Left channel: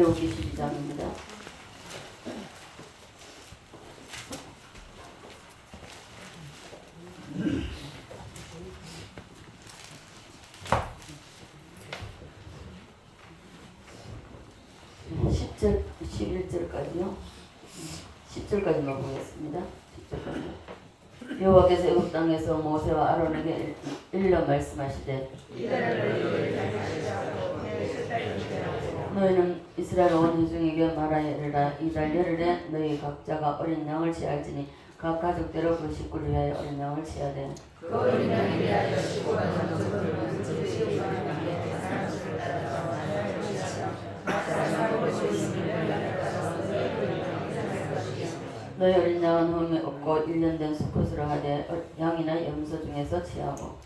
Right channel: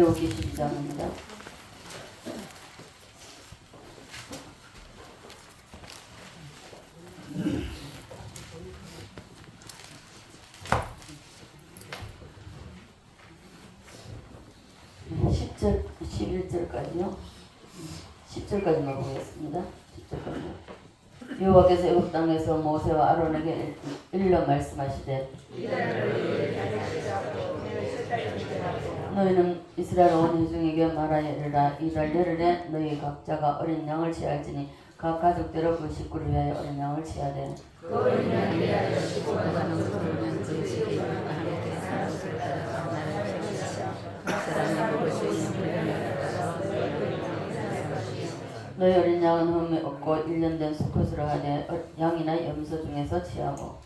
출애굽기 12장입니다. (10절) 11절까지요. 10절까지만 보겠습니다. 10절까지. 여호와께서 애굽 땅에서 모세와 아론에게 일러 말씀하시되 너희는 이스라엘 온 회중에게 말하여 이르라. 이달 열흘에 너희 각자가 어린 양을 취할지니 각 가족대로 그 식구를 위하여 어린 양을 취하되 그 어린 양을 위하여 식구가 장수를 너희 어린 양은 흠이 없고 1년 된 수컷으로 하되 양이나 염소 중에서 취하고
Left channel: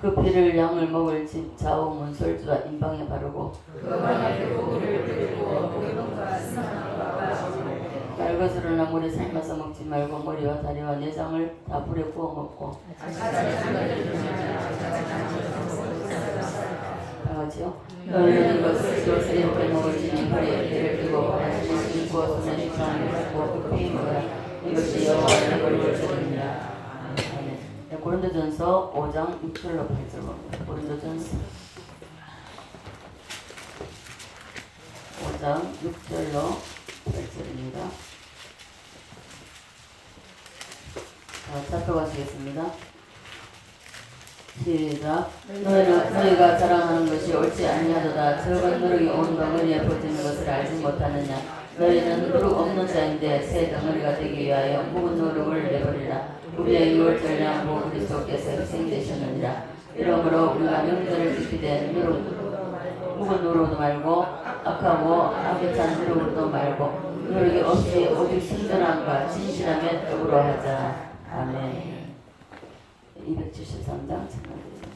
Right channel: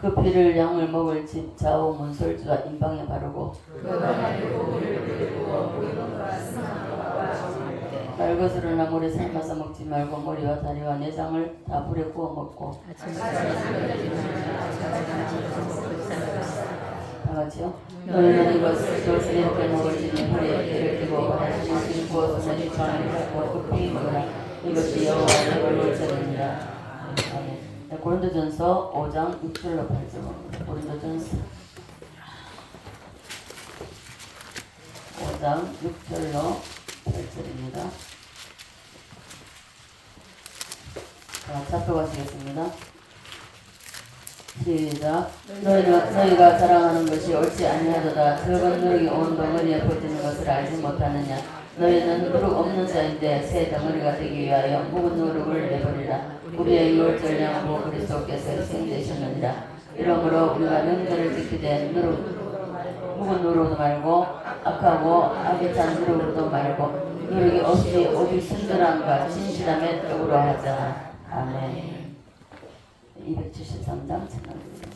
그 피를 양을 먹을 집 좌우 문설주와 임방에 바르고 말것으로나 물에 삶아서 먹지 말고 머리와 다리와 내장을 다 불에 구워 먹고 다같이요. 너희는 이것을 이렇게 먹을지니 허리에 배를 끼고 바다를 신고 손에 시창을 잡고 급히 먹으라. 이것이 여호와의 월절입니다. 아멘. 고린도전서 5장 6절로 8절. 고린도전서 5장 6절로 8절입니다. 살펴보시겠습니다. 시작. 너희가 자랑하는 것이 옳지 아니하도다. 적은 누룩이 온 덩어리에 퍼지는 것을 알지 못하느냐. 너희는 누룩 없는 자인데 새 덩어리가 되기 위하여 묵은 누룩을 내버리라. 우리의 유월절 양으로 그리스도께서 희생되셨느니라. 이러므로 우리가 명절을 지키되 묵은 누룩도 말고 악하고 악에 찬 누룩으로도 말고 누룩이 없이 오직 순전함과 진실함의 떡으로 하자. 아멘. 273장 찬양드립니다.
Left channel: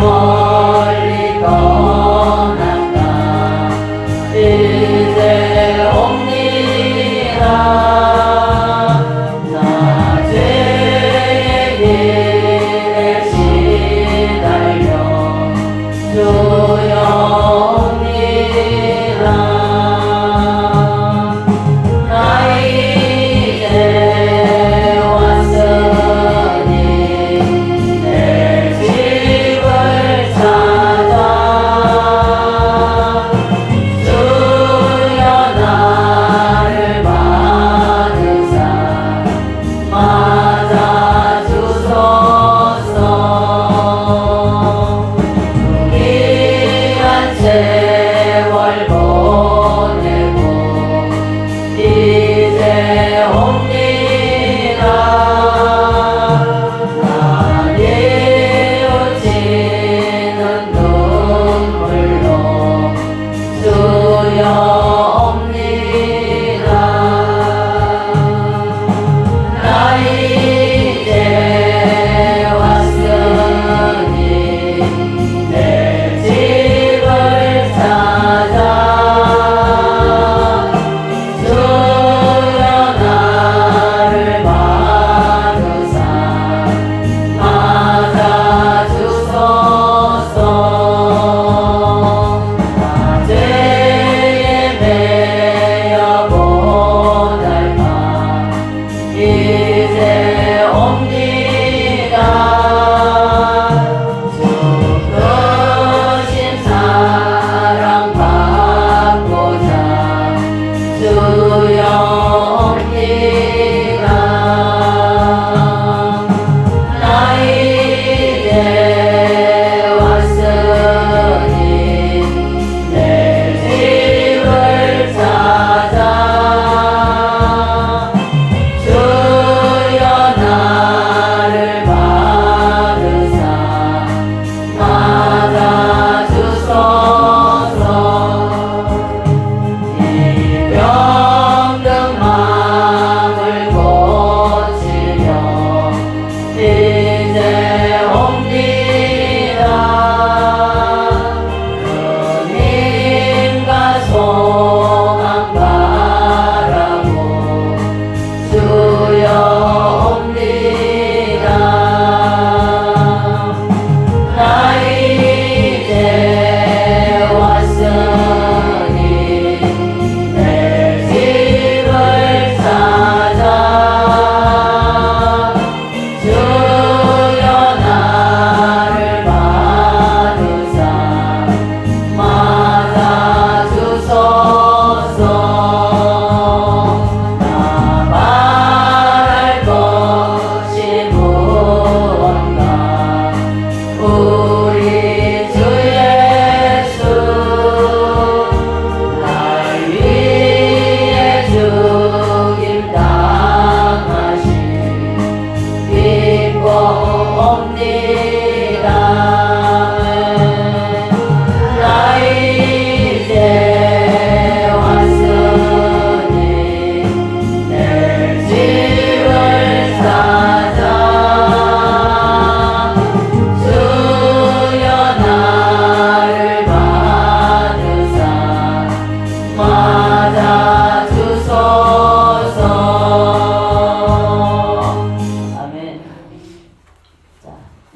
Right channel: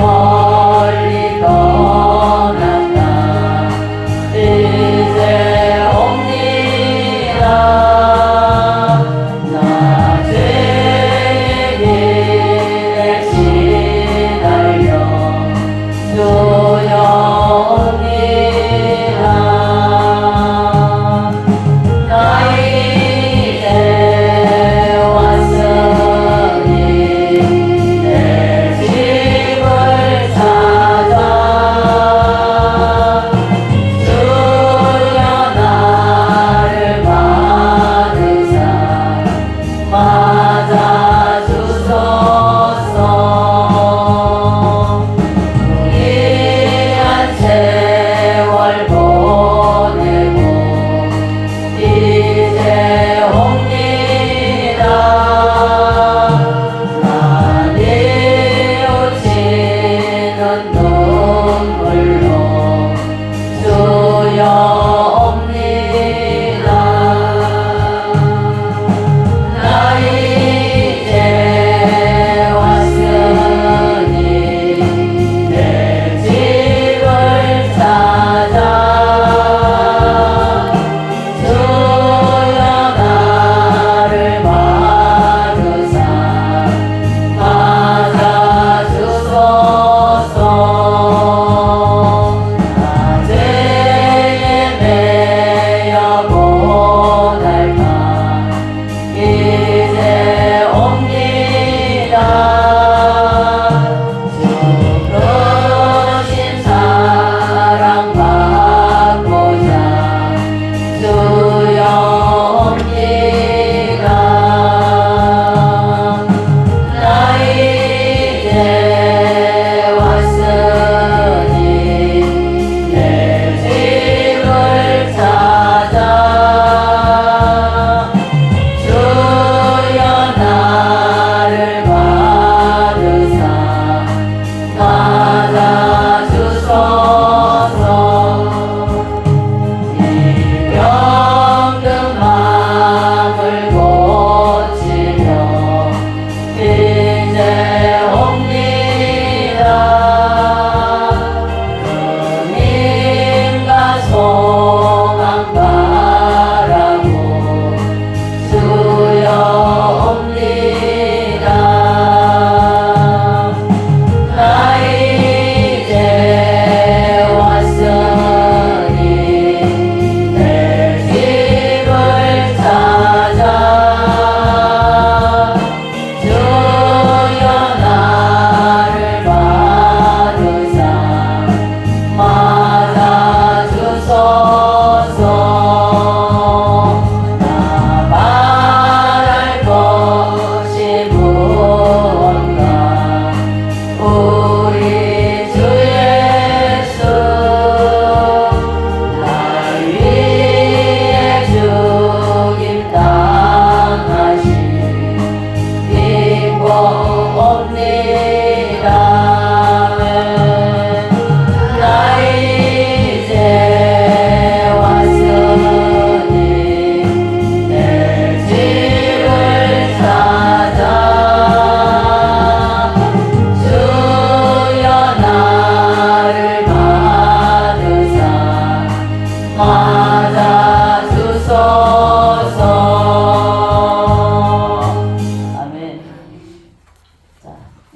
멀리 떠난다.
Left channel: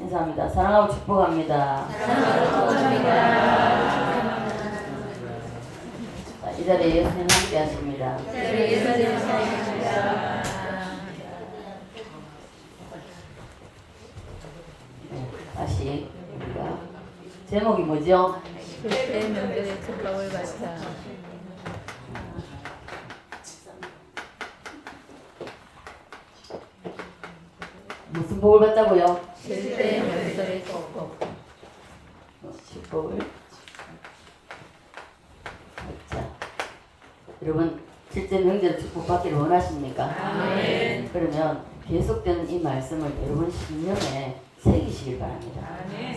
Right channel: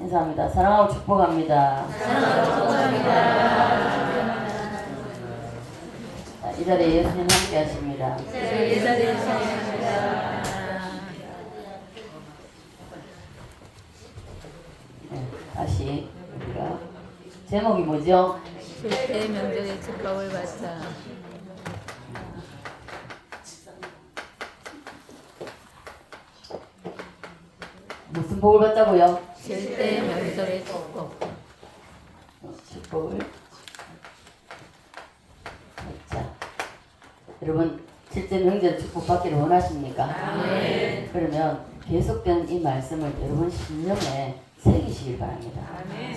인사합니다. 사랑하고 축복합니다. 자, 이 자리에 예수님 함께 하십니다. 다시 우리가 제목이 뭐죠? 절대 명절에 축복을 받자. 무슨 복을 받자고요? 절대 명절에 축복. 축복을 받자. 여러분 실제 명절 축복 받기를 원하십니까? 네. 그러면 계속된 이 말씀을 여러분 심령에 새기시길 바랍니다.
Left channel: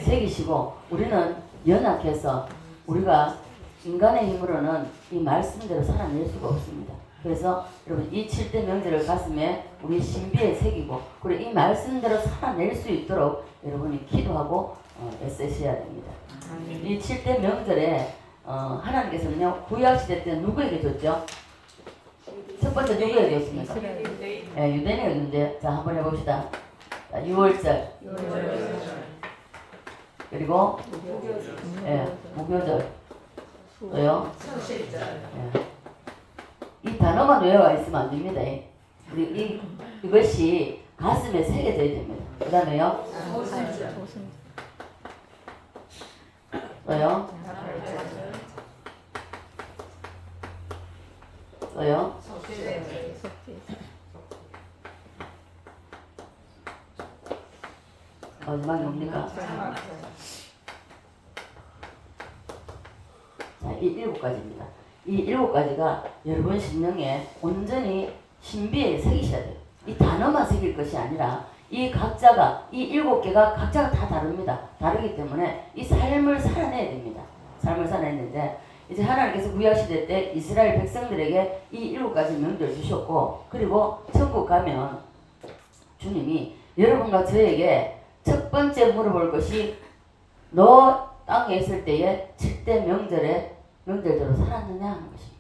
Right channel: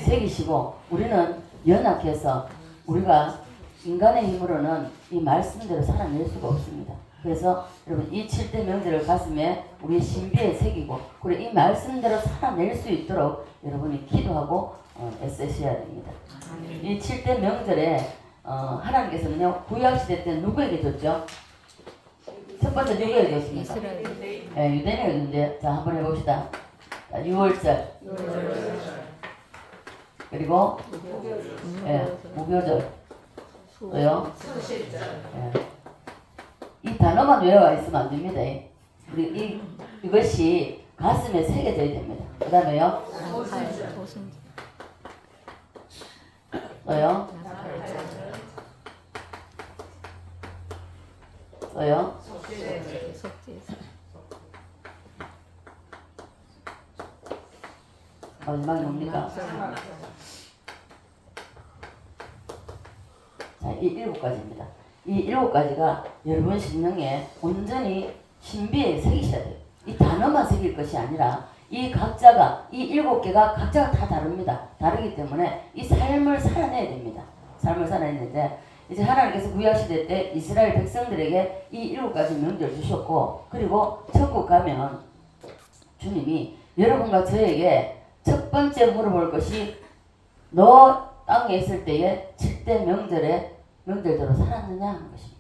새기시고 우리는 연약해서 우리가 인간의 힘으로는 이 말씀대로 살아낼 수가 없습니다. 그래서 여러분 이 7대 명절을 가슴에 우리 신비에 새기고 그리고 이 말씀대로 살아낼 수 있도록 여러분이 기도하고 애쓰셔야 됩니다. 이 7대 명절에 하나님께서는요 구약시대 때 누구에게 줬죠? 첫 번째 누구에게 줬습니까? 네, 유대인에게 줬는데 자 한번 해봅시다. 자, 6월절 그리고 무교절 왜요? 이 단어만 외워가 있으면 안 됩니다. 이것이 가슴에 새겨져야 됩니다. 그 다음에요? 또요? 또요? 마지막이 뭡니까? 자, 이 7가지입니다. 이 7가지가 여러분 심령에 온전히 신비에 새기셔야 돼요. 이 단어만 새길 것이 아니라 이 각자가 이 7개가 각자가 다 다릅니다. 다르기 때문에 이 삶을 살아내야 됩니다. 삶을 살아내는데 이제 하나님께서 구약시대 때 이스라엘 백성들에게 이 7가지 명절 주셨고 그리고 천국 가면 주님이 여러분과 저에게 첫 번째 물어볼 것이 너 땅에 있을 때에 7대 명절대로 살았느냐 하는 것입니다.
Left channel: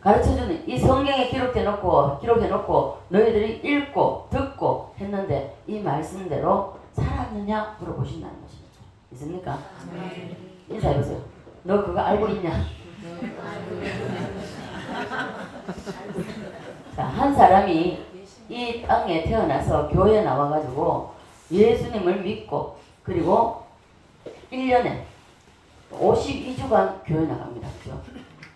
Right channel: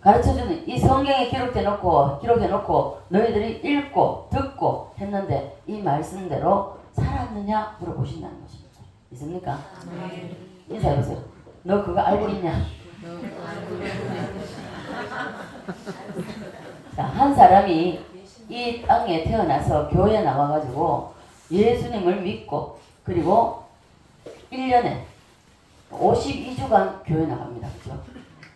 가르쳐주는 이 성경에 기록해놓고 너희들이 읽고 듣고 했는데 이 말씀대로 살았느냐 물어보신다는 것입니다. 있습니까? 인사해보세요. 너 그거 알고 있냐? 자, 한 사람이 이 땅에 태어나서 교회에 나와가지고 예수님을 믿고 그리고 1년에 52주간 교회 나갑니다. 그렇죠?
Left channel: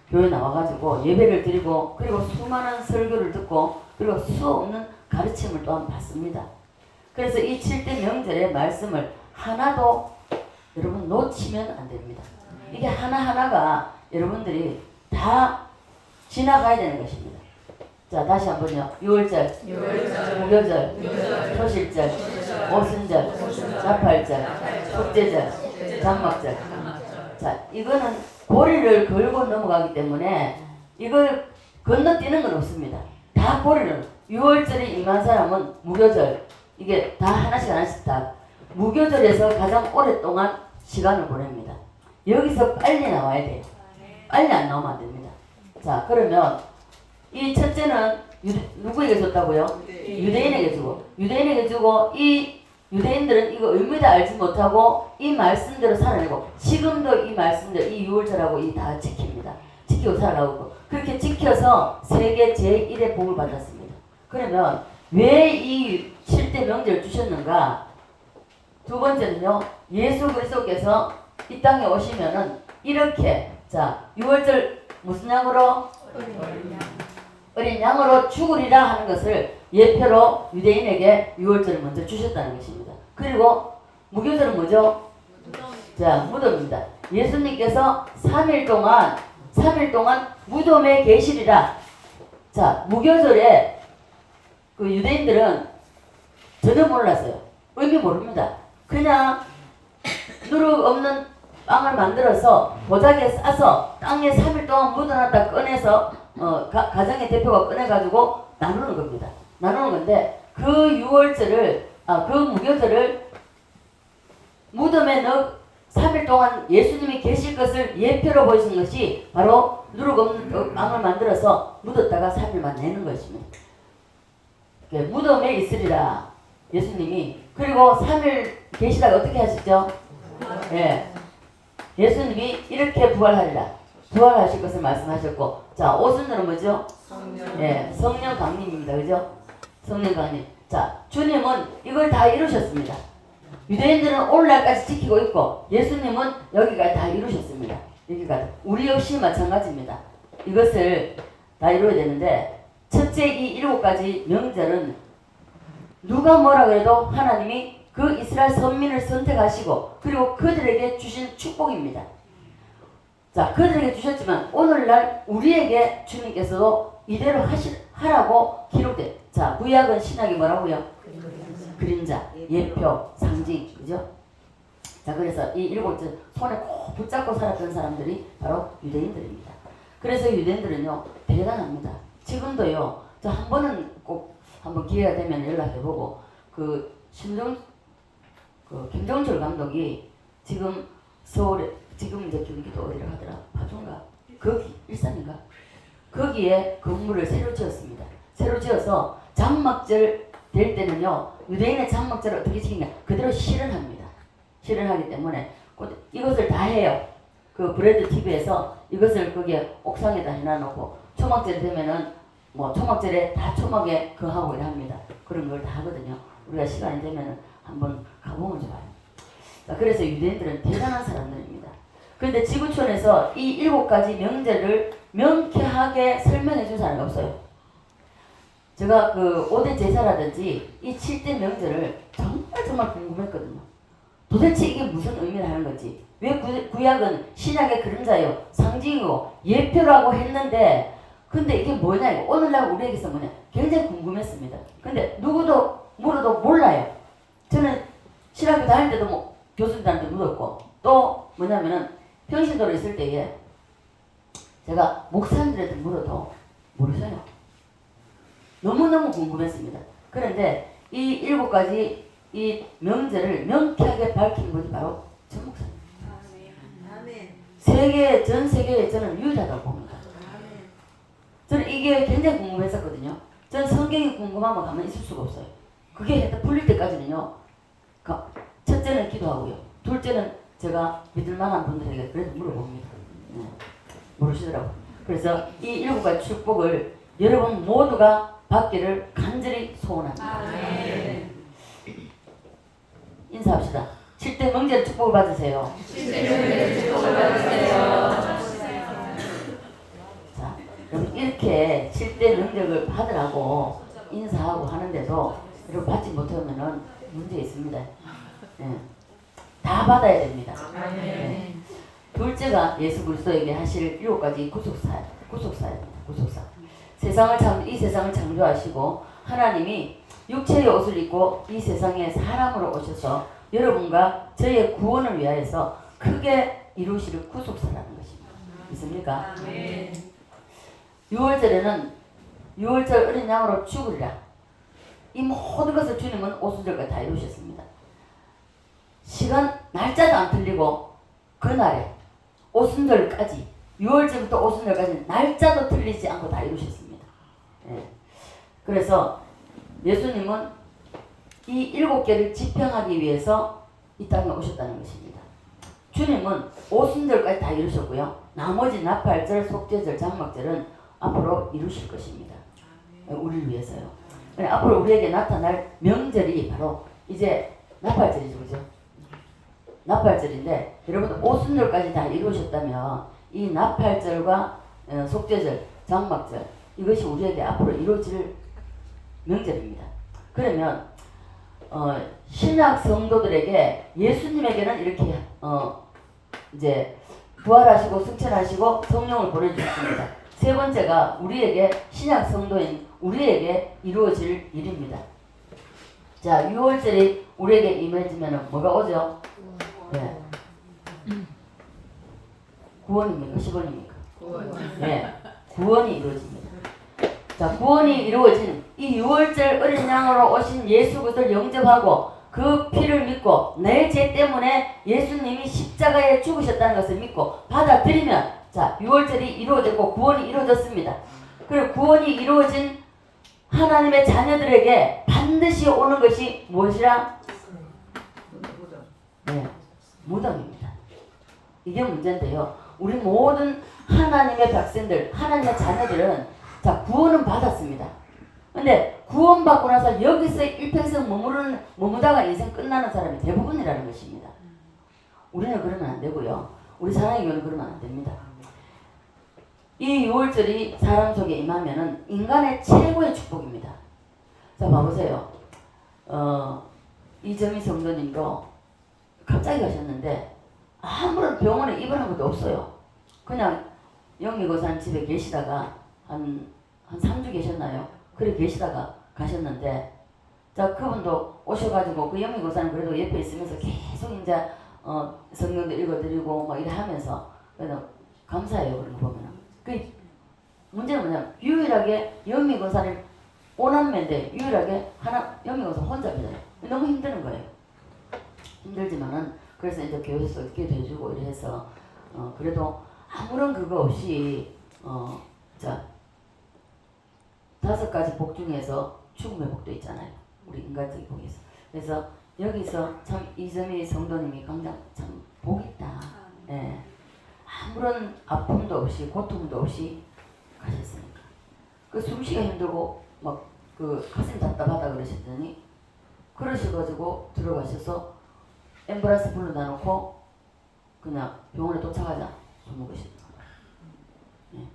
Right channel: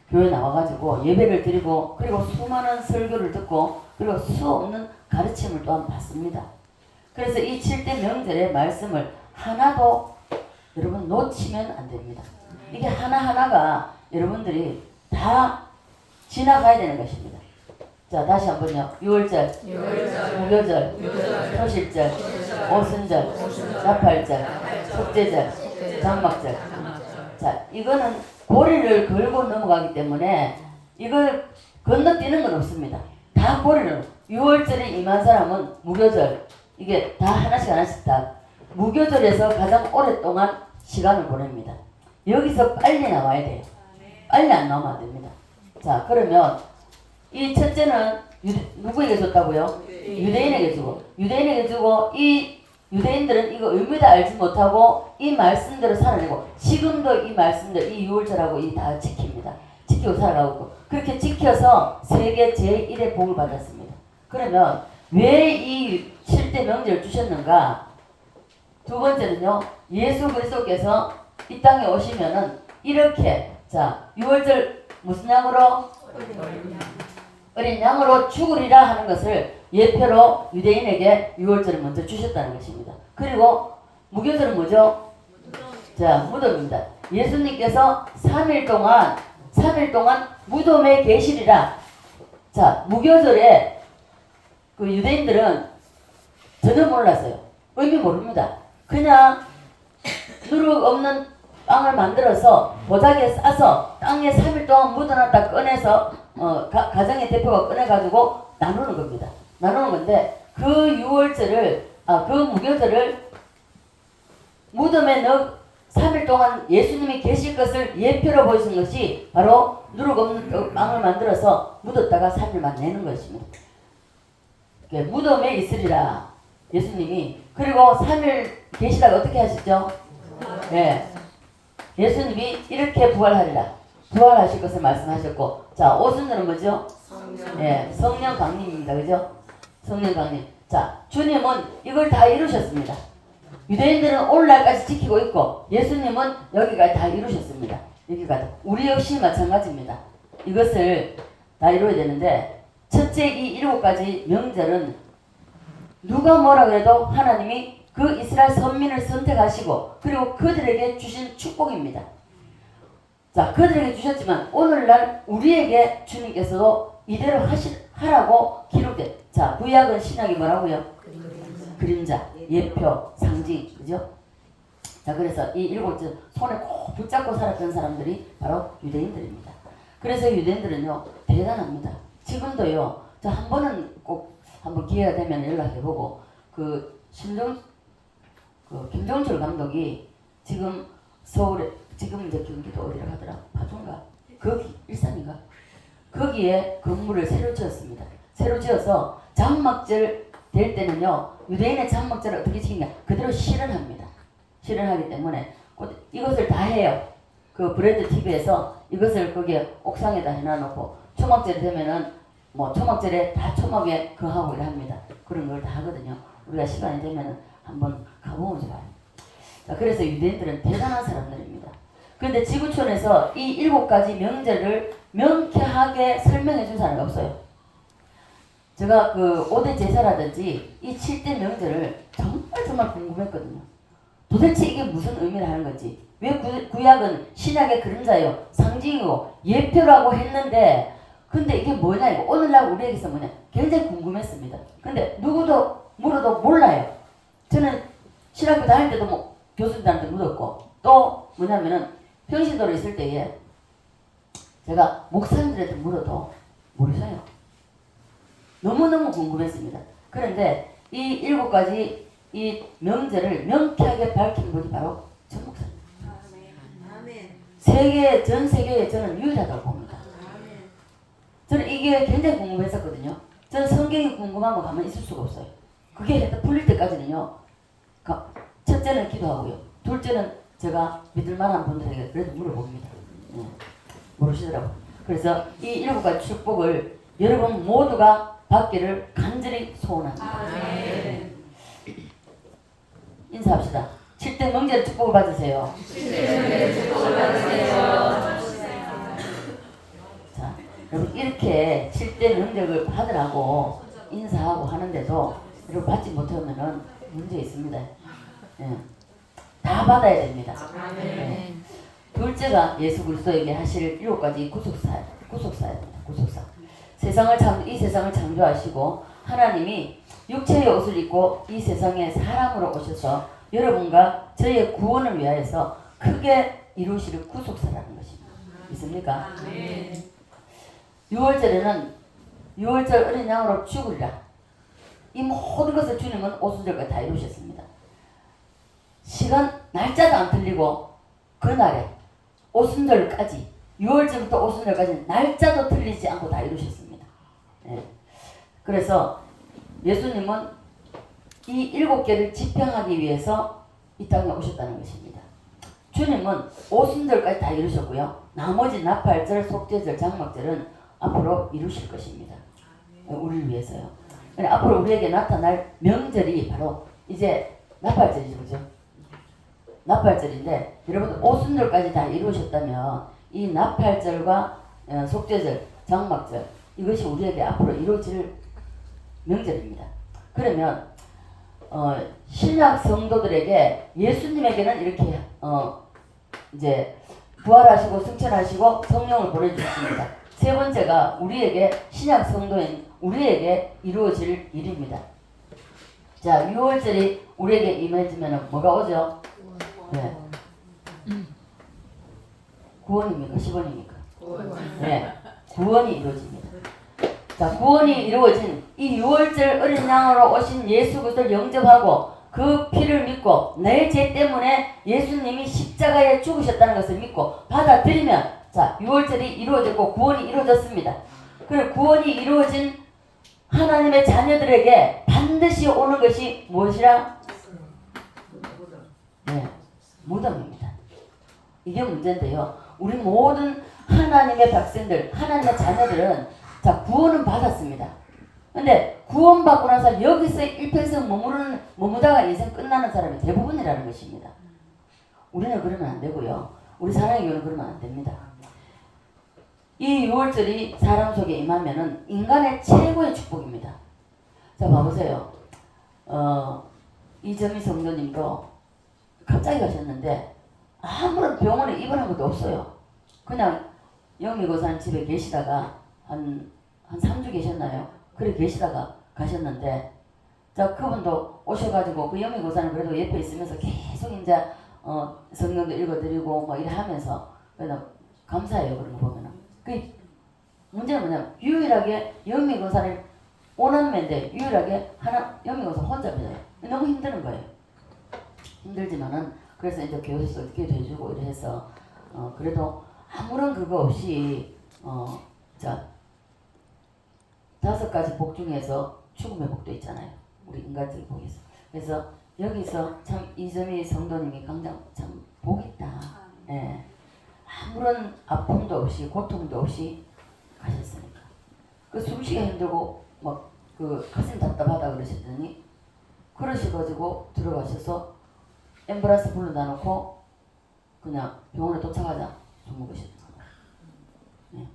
교회 나와가지고 예배를 드리고 그리고 수많은 설교를 듣고 그리고 수없는 가르침을 또한 받습니다. 그래서 이 7대 명절의 말씀을 하나도 여러분 놓치면 안 됩니다. 이게 하나하나가 여러분들이 다 지나가야 되는 것입니다. 자, 다시 한번요. 6월절, 무교절, 초실절, 오순절, 자팔절, 속죄절, 장막절. 자, 이거는 고리를 걸고 넘어가기 때문에 이걸 건너뛰는 건 없습니다. 다 고리를. 6월절에 임한 사람은 무교절. 이게 다 하나씩 다. 무교절에서 가장 오랫동안 시간을 보냅니다. 여기서 빨리 나와야 돼요. 빨리 안 나오면 안 됩니다. 자, 그러면 이 첫째는 누구에게 줬다고요? 유대인에게 주고 유대인에게 주고 이 유대인들은 이거 의미도 알지 못하고 이 말씀대로 살아내고 지금도 이 말씀대로 이 6월절하고 이 다 지킵니다. 지키고 살아가고 그렇게 지켜서 세계 제1의 복을 받았습니다. 그러면 왜 이 7대 명절을 주셨는가? 두 번째는요. 예수 그리스도께서 이 땅에 오시면은 이렇게 자 6월절 무슨 양으로? 어린 양으로 죽으리라 하는 것을 예표로 유대인에게 6월절을 먼저 주셨다는 것입니다. 그리고 무교절은 뭐죠? 자, 무덤입니다. 예수님께서 3일 동안 무덤에 계시리라. 자, 무교절에 그 유대인들은 전혀 몰랐어요. 의미 모릅니다. 그냥 누룩 없는 빵을 만들어서 도자기에 싸서 땅에 3일 동안 묻어놨다 꺼내서 가정의 대표가 꺼내가지고 나누는 겁니다. 나누는 건데 그 6월절을 그 무교절을 무덤에 넣어 3일 동안 예수님이 계실 것을 예표로 보시는 것이 바로 누룩 없는 빵을 만들어서 묻었다가 3일만 내는 것입니다. 무덤에 있으리라. 예수님이 그리고 3일 계시다가 어떻게 하셨죠? 예. 예수님이 이렇게 부활하리라. 부활하실 것을 말씀하셨고, 자, 오순절은 뭐죠? 예, 성령 강림입니다. 그죠? 성령 강림. 자, 주님은 이걸 다 이루셨습니다. 유대인들은 오늘날까지 지키고 있고, 예수님은 여기까지 다 이루셨습니다. 여기까지. 우리 역시 마찬가지입니다. 이것을 다 이루어야 되는데, 첫째 이 7가지 명절은 누가 뭐라고 해도 하나님이 그 이스라엘 선민을 선택하시고, 그리고 그들에게 주신 축복입니다. 자, 그들에게 주셨지만 오늘날 우리에게 주님께서도 이대로 하라고 기록돼. 자, 구약은 신약이 뭐라고요? 그림자, 예표, 상징, 그죠? 자, 그래서 이 7째 손에 꼭 붙잡고 살았던 사람들이 바로 유대인들입니다. 그래서 유대인들은요 대단합니다. 지금도요, 저 한 번은 꼭 한번 기회가 되면 연락해보고, 김종철 감독이 지금 서울에, 지금 이제 경기도 어디로 가더라? 파주인가? 거기 일산인가? 거기에 건물을 새로 지었습니다. 새로 지어서 장막절 될 때는요, 유대인의 장막절을 어떻게 지키냐? 그대로 실현합니다. 실현하기 때문에 이것을 다 해요. 그 브레드 TV에서 이것을 거기에 옥상에다 해놔놓고, 초막절 되면은 뭐 초막절에 다 초막에 하고 합니다. 그런 걸 다 하거든요. 우리가 시간이 되면은 한번 가보면 좋아요. 자, 그래서 유대인들은 대단한 사람들입니다. 그런데 지구촌에서 이 7가지 명절을 명쾌하게 설명해 준 사람이 없어요. 제가 그 5대 제사라든지 이 7대 명절을 정말 궁금했거든요. 도대체 이게 무슨 의미를 하는 건지, 왜 구약은 신약의 그림자요, 상징이고 예표라고 했는데, 근데 이게 뭐냐, 이거 오늘날 우리에게서 뭐냐, 굉장히 궁금했습니다. 근데 누구도 물어도 몰라요. 저는 신학교 다닐 때도 뭐 교수님들한테 물었고, 또 뭐냐면은 평신도로 있을 때에 제가 목사님들한테 물어도 모르셔요. 너무너무 궁금했습니다. 그런데 이 7가지 이 명절을 명쾌하게 밝힌 분이 바로 전 목사님. 전 세계에 저는 유일하다고 봅니다. 저는 이게 굉장히 궁금했었거든요. 저는 성경이 궁금하면 가만히 있을 수가 없어요. 그게 풀릴 때까지는요, 첫째는 기도하고요, 둘째는 제가 믿을 만한 분들에게 그래도 물어봅니다. 네. 모르시더라고요. 그래서 이 7가지 축복을 여러분 모두가 받기를 간절히 소원합니다. 인사합시다. 7대 명절 축복을 받으세요. 자, 여러분 이렇게 7대 명절을 받으라고 인사하고 하는데도 여러분 받지 못하면은 문제 있습니다. 네. 다 받아야 됩니다. 네. 둘째가 예수 그리스도에게 하실 7가지 구속사입니다. 구속사. 이 세상을 창조하시고 하나님이 육체의 옷을 입고 이 세상에 사람으로 오셔서 여러분과 저의 구원을 위하여서 크게 이루실 구속사라는 것입니다. 있습니까? 6월절에는 6월절 어린 양으로 죽으리라. 이 모든 것을 주님은 오순절까지 다 이루셨습니다. 시간 날짜도 안 틀리고 그날에 오순절까지 6월절부터 오순절까지 날짜도 틀리지 않고 다 이루셨습니다. 예. 그래서 예수님은 이 7개를 지평하기 위해서 이 땅에 오셨다는 것입니다. 주님은 오순절까지 다 이루셨고요. 나머지 나팔절, 속죄절, 장막절은 앞으로 이루실 것입니다. 우리를 위해서요. 앞으로 우리에게 나타날 명절이 바로 이제 나팔절이죠. 그죠? 나팔절인데 여러분 오순절까지 다 이루셨다면 이 나팔절과 속죄절, 장막절 이것이 우리에게 앞으로 이루어질 명절입니다. 그러면 신약 성도들에게 예수님에게는 이렇게 이제 부활하시고 승천하시고 성령을 보내주셨습니다. 세 번째가 우리에게 신약 성도인 우리에게 이루어질 일입니다. 자, 6월절이 우리에게 임해지면 뭐가 오죠? 네. 구원입니까? 10원입니까? 네. 구원이 이루어집니다. 자, 구원이 이루어진 이 6월절 어린 양으로 오신 예수 그리스도를 영접하고 그 피를 믿고 내 죄 때문에 예수님이 십자가에 죽으셨다는 것을 믿고 받아들이면 자, 6월절이 이루어졌고 구원이 이루어졌습니다. 그리고 구원이 이루어진 하나님의 자녀들에게 반드시 오는 것이 무엇이라? 네, 무덤입니다. 이게 문제인데요. 우리 모든 하나님의 백성들, 하나님의 자녀들은 자 구원은 받았습니다. 근데 구원받고 나서 여기서 일평생 머무다가 인생 끝나는 사람이 대부분이라는 것입니다. 우리는 그러면 안 되고요. 우리 사랑의 교회는 그러면 안 됩니다. 이 6월절이 사람 속에 임하면은 인간의 최고의 축복입니다. 자 봐보세요. 이정희 성도님도 갑자기 가셨는데 아무런 병원에 입원한 것도 없어요. 그냥 영미고사님 집에 계시다가 한 3주 계셨나요? 그래 계시다가 가셨는데 자 그분도 오셔가지고 그 영미고사님 그래도 옆에 있으면서 계속 이제 성경도 읽어드리고 뭐 이래 하면서 그래서 감사해요. 그런 거 보면은 그 문제는 뭐냐면 유일하게 영미고사님 오남매인데 유일하게 영미고사 혼자입니다. 너무 힘드는 거예요. 힘들지만은 그래서 이제 교회에서 기도해주고 이래 해서 그래도 아무런 그거 없이 자 5가지 복 중에서 죽음의 복도 있잖아요. 우리 인간적인 복에서. 그래서 여기서 참 이점희 성도님이 굉장히 참 복있다. 예. 아무런 아픔도 없이 고통도 없이 가셨으니까. 그 숨쉬기가 힘들고 막 그 가슴이 답답하다 그러셨더니 그러셔가지고 들어가셔서 앰뷸런스 불러다 놓고 그냥 병원에 도착하자 죽으셨더라고요. 예.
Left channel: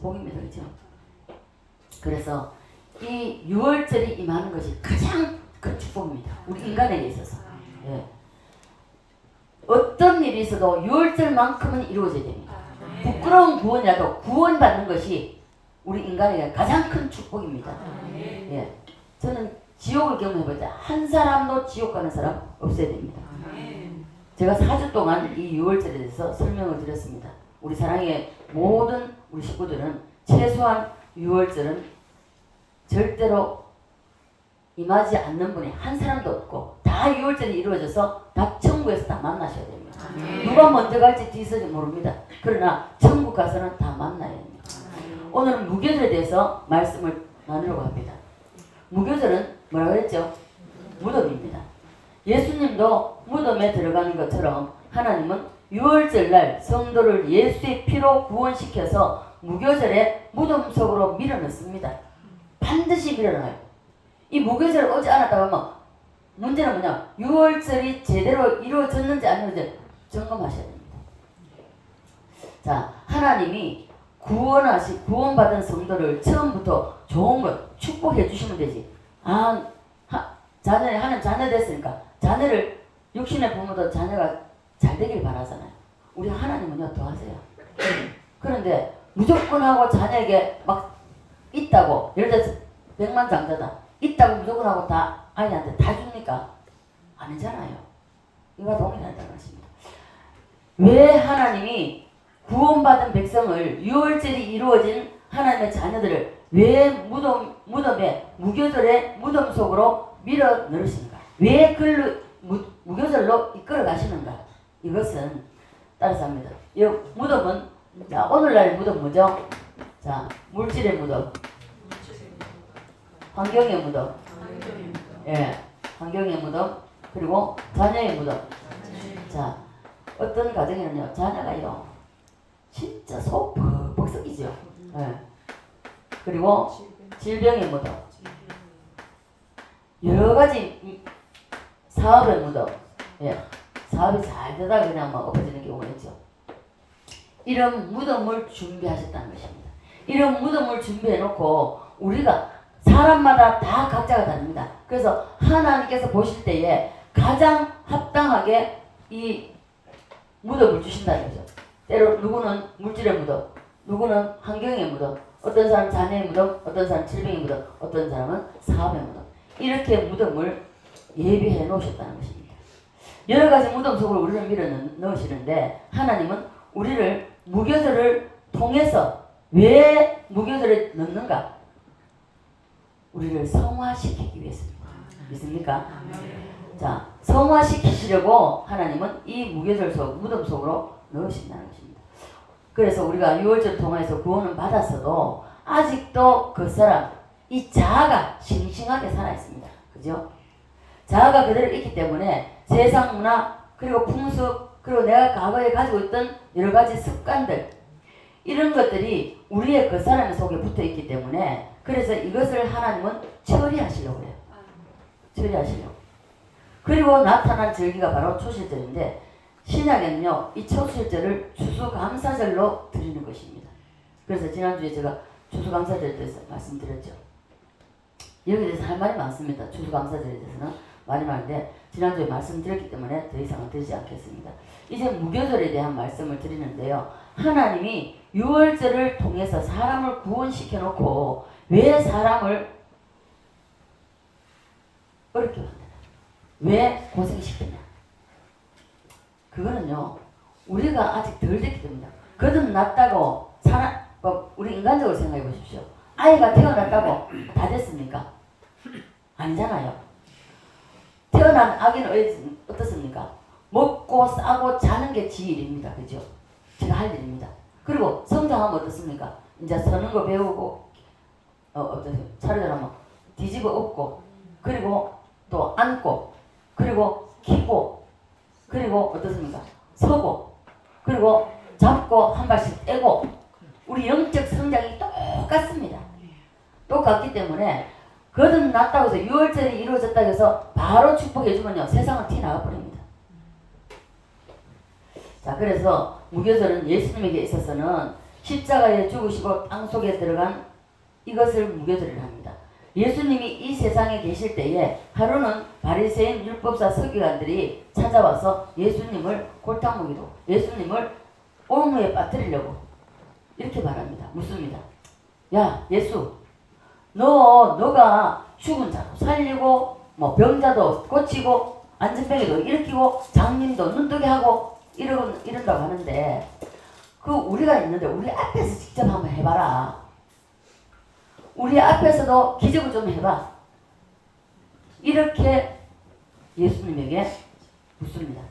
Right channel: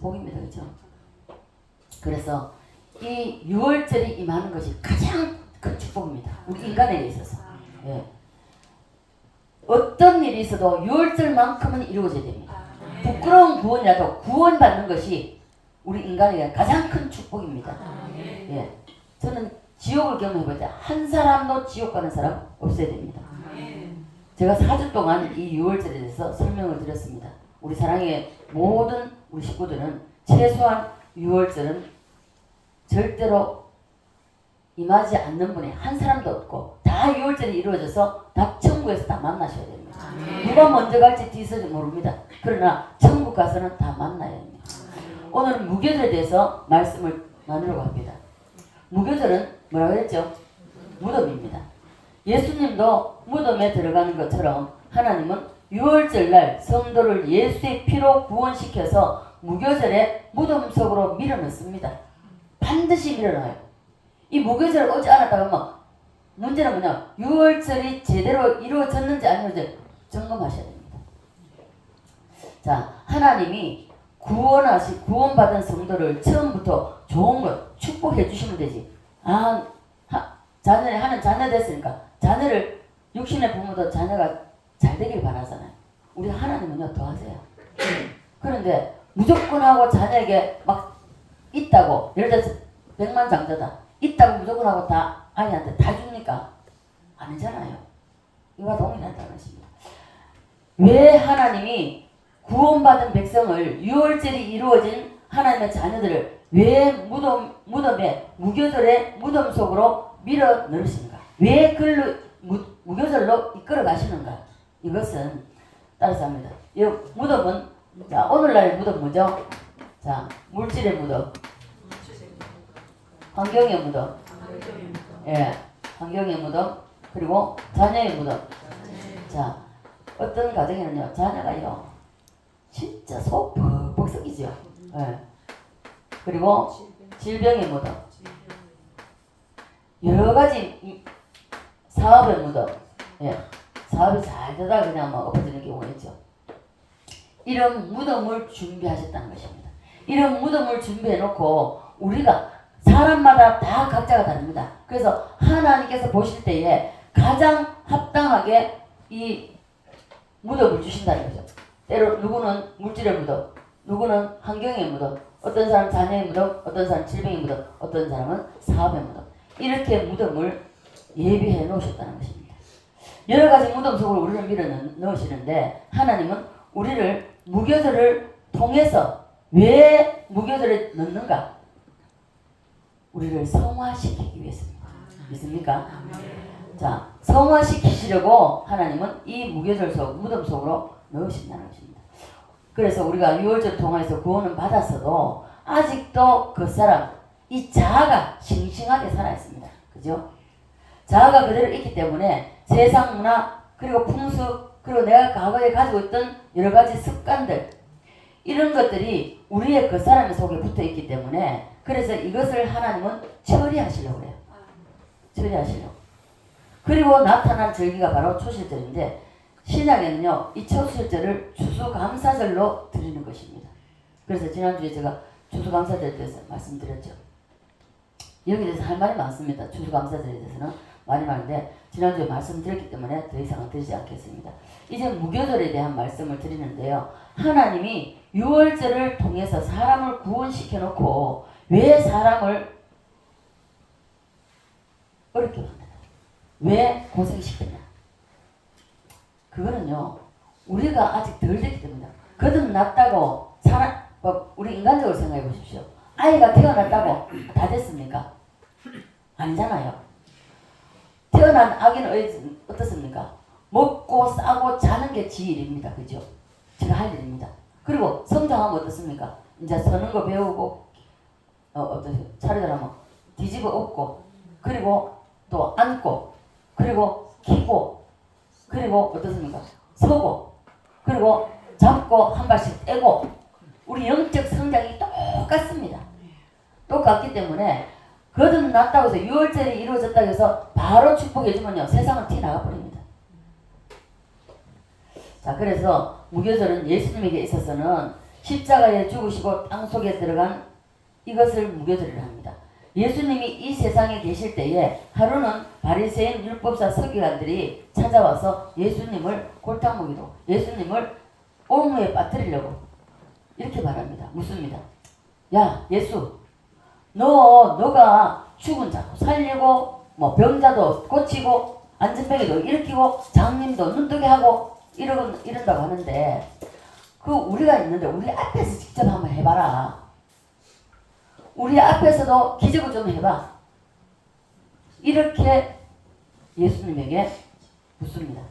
복입니다. 그렇죠? 그래서 이 6월절이 임하는 것이 가장 큰 축복입니다. 우리 인간에게 있어서. 예. 어떤 일이 있어도 6월절만큼은 이루어져야 됩니다. 부끄러운 구원이라도 구원받는 것이 우리 인간에게 가장 큰 축복입니다. 예. 저는 지옥을 경험해보자. 한 사람도 지옥 가는 사람 없어야 됩니다. 제가 4주 동안 이 6월절에 대해서 설명을 드렸습니다. 우리 사랑의 모든 우리 식구들은 최소한 6월절은 절대로 임하지 않는 분이 한 사람도 없고 다 6월절이 이루어져서 다 천국에서 다 만나셔야 됩니다. 누가 먼저 갈지 뒤서지 모릅니다. 그러나 천국 가서는 다 만나야 됩니다. 오늘은 무교절에 대해서 말씀을 나누려고 합니다. 무교절은 뭐라고 했죠? 무덤입니다. 예수님도 무덤에 들어가는 것처럼 하나님은 6월절 날 성도를 예수의 피로 구원시켜서 무교절에 무덤 속으로 밀어넣습니다. 반드시 밀어넣어요. 이 무교절을 오지 않았다고 하면 문제는 뭐냐? 6월절이 제대로 이루어졌는지 안 이루어졌는지 점검하셔야 됩니다. 자, 하나님이 구원받은 성도를 처음부터 좋은 것 축복해 주시면 되지. 하는 자녀 됐으니까 자녀를 육신의 부모도 자녀가 잘 되길 바라잖아요. 우리 하나님은요 더 하세요. 그런데 무조건 하고 자녀에게 막 있다고 예를 들어서 100만 장자다 있다고 무조건 하고 다 아이한테 다 줍니까? 아니잖아요. 이와 동일하다는 것입니다. 왜 하나님이 구원받은 백성을 6월절이 이루어진 하나님의 자녀들을 왜 무덤에 무교절의 무덤 속으로 밀어 넣으신가? 왜 무교절로 이끌어 가시는가? 이것은 따라서 합니다. 이 무덤은 자, 오늘날 무덤 뭐죠? 자, 물질의 무덤, 환경의 무덤, 예, 환경의 무덤, 그리고 자녀의 무덤. 자, 어떤 가정에는요, 자녀가요, 진짜 속 벅벅 썩이죠. 예. 그리고 질병의 무덤, 여러 가지 사업의 무덤, 예, 사업이 잘 되다가 그냥 뭐 엎어지는 경우가 있죠. 이런 무덤을 준비하셨다는 것입니다. 이런 무덤을 준비해놓고 우리가 사람마다 다 각자가 다릅니다. 그래서 하나님께서 보실 때에 가장 합당하게 이 무덤을 주신다는 거죠. 때로 누구는 물질의 무덤, 누구는 환경의 무덤, 어떤 사람은 자녀의 무덤, 어떤 사람은 질병의 무덤, 어떤 사람은 사업의 무덤. 이렇게 무덤을 예비해 놓으셨다는 것입니다. 여러 가지 무덤 속으로 우리를 밀어 넣으시는데 하나님은 우리를 무교절을 통해서 왜 무교절에 넣는가? 우리를 성화시키기 위해서입니다. 믿습니까? 자, 성화시키시려고 하나님은 이 무교절 속, 무덤 속으로 넣으신다는 것입니다. 그래서 우리가 6월절 통해서 구원을 받았어도 아직도 그 사람, 이 자아가 싱싱하게 살아있습니다. 그죠? 자아가 그대로 있기 때문에 세상 문화 그리고 풍습 그리고 내가 과거에 가지고 있던 여러 가지 습관들 이런 것들이 우리의 그 사람의 속에 붙어 있기 때문에 그래서 이것을 하나님은 처리하시려고 그래요. 처리하시려고. 그리고 나타난 절기가 바로 초실절인데 신약에는요 이 초실절을 추수감사절로 드리는 것입니다. 그래서 지난주에 제가 추수감사절에 대해서 말씀드렸죠. 여기에 대해서 할 말이 많습니다. 추수감사절에 대해서는 말이 많은데 지난주에 말씀드렸기 때문에 더 이상은 드리지 않겠습니다. 이제 무교절에 대한 말씀을 드리는데요. 하나님이 유월절을 통해서 사람을 구원시켜 놓고 왜 사람을 어렵게 만드냐? 왜 고생시켰냐? 그거는요 우리가 아직 덜 됐기 때문이다. 거듭났다고 사람 우리 인간적으로 생각해 보십시오. 아이가 태어났다고 다 됐습니까? 아니잖아요. 태어난 아기는 어떻습니까? 먹고 싸고 자는 게 지 일입니다. 그죠? 제가 할 일입니다. 그리고 성장하면 어떻습니까? 이제 서는 거 배우고 차례대로 뒤집어 엎고 그리고 또 앉고 그리고 키고 그리고 어떻습니까? 서고 그리고 잡고 한 발씩 떼고 우리 영적 성장이 똑같습니다. 똑같기 때문에 거듭났다고 해서 유월절이 이루어졌다고 해서 바로 축복해주면요 세상은 튀나가버립니다. 자 그래서 무교절은 예수님에게 있어서는 십자가에 죽으시고 땅속에 들어간 이것을 무교절이라 합니다. 예수님이 이 세상에 계실 때에 하루는 바리새인 율법사 서기관들이 찾아와서 예수님을 골탕 먹이로 예수님을 옥루에 빠뜨리려고 이렇게 말합니다. 묻습니다. 야 예수 너가 죽은 자도 살리고 뭐 병자도 고치고 안전병이도 일으키고 장님도 눈뜨게 하고 이런다고 하는데 그 우리가 있는데 우리 앞에서 직접 한번 해봐라. 우리 앞에서도 기적을 좀 해봐. 이렇게 예수님에게 묻습니다.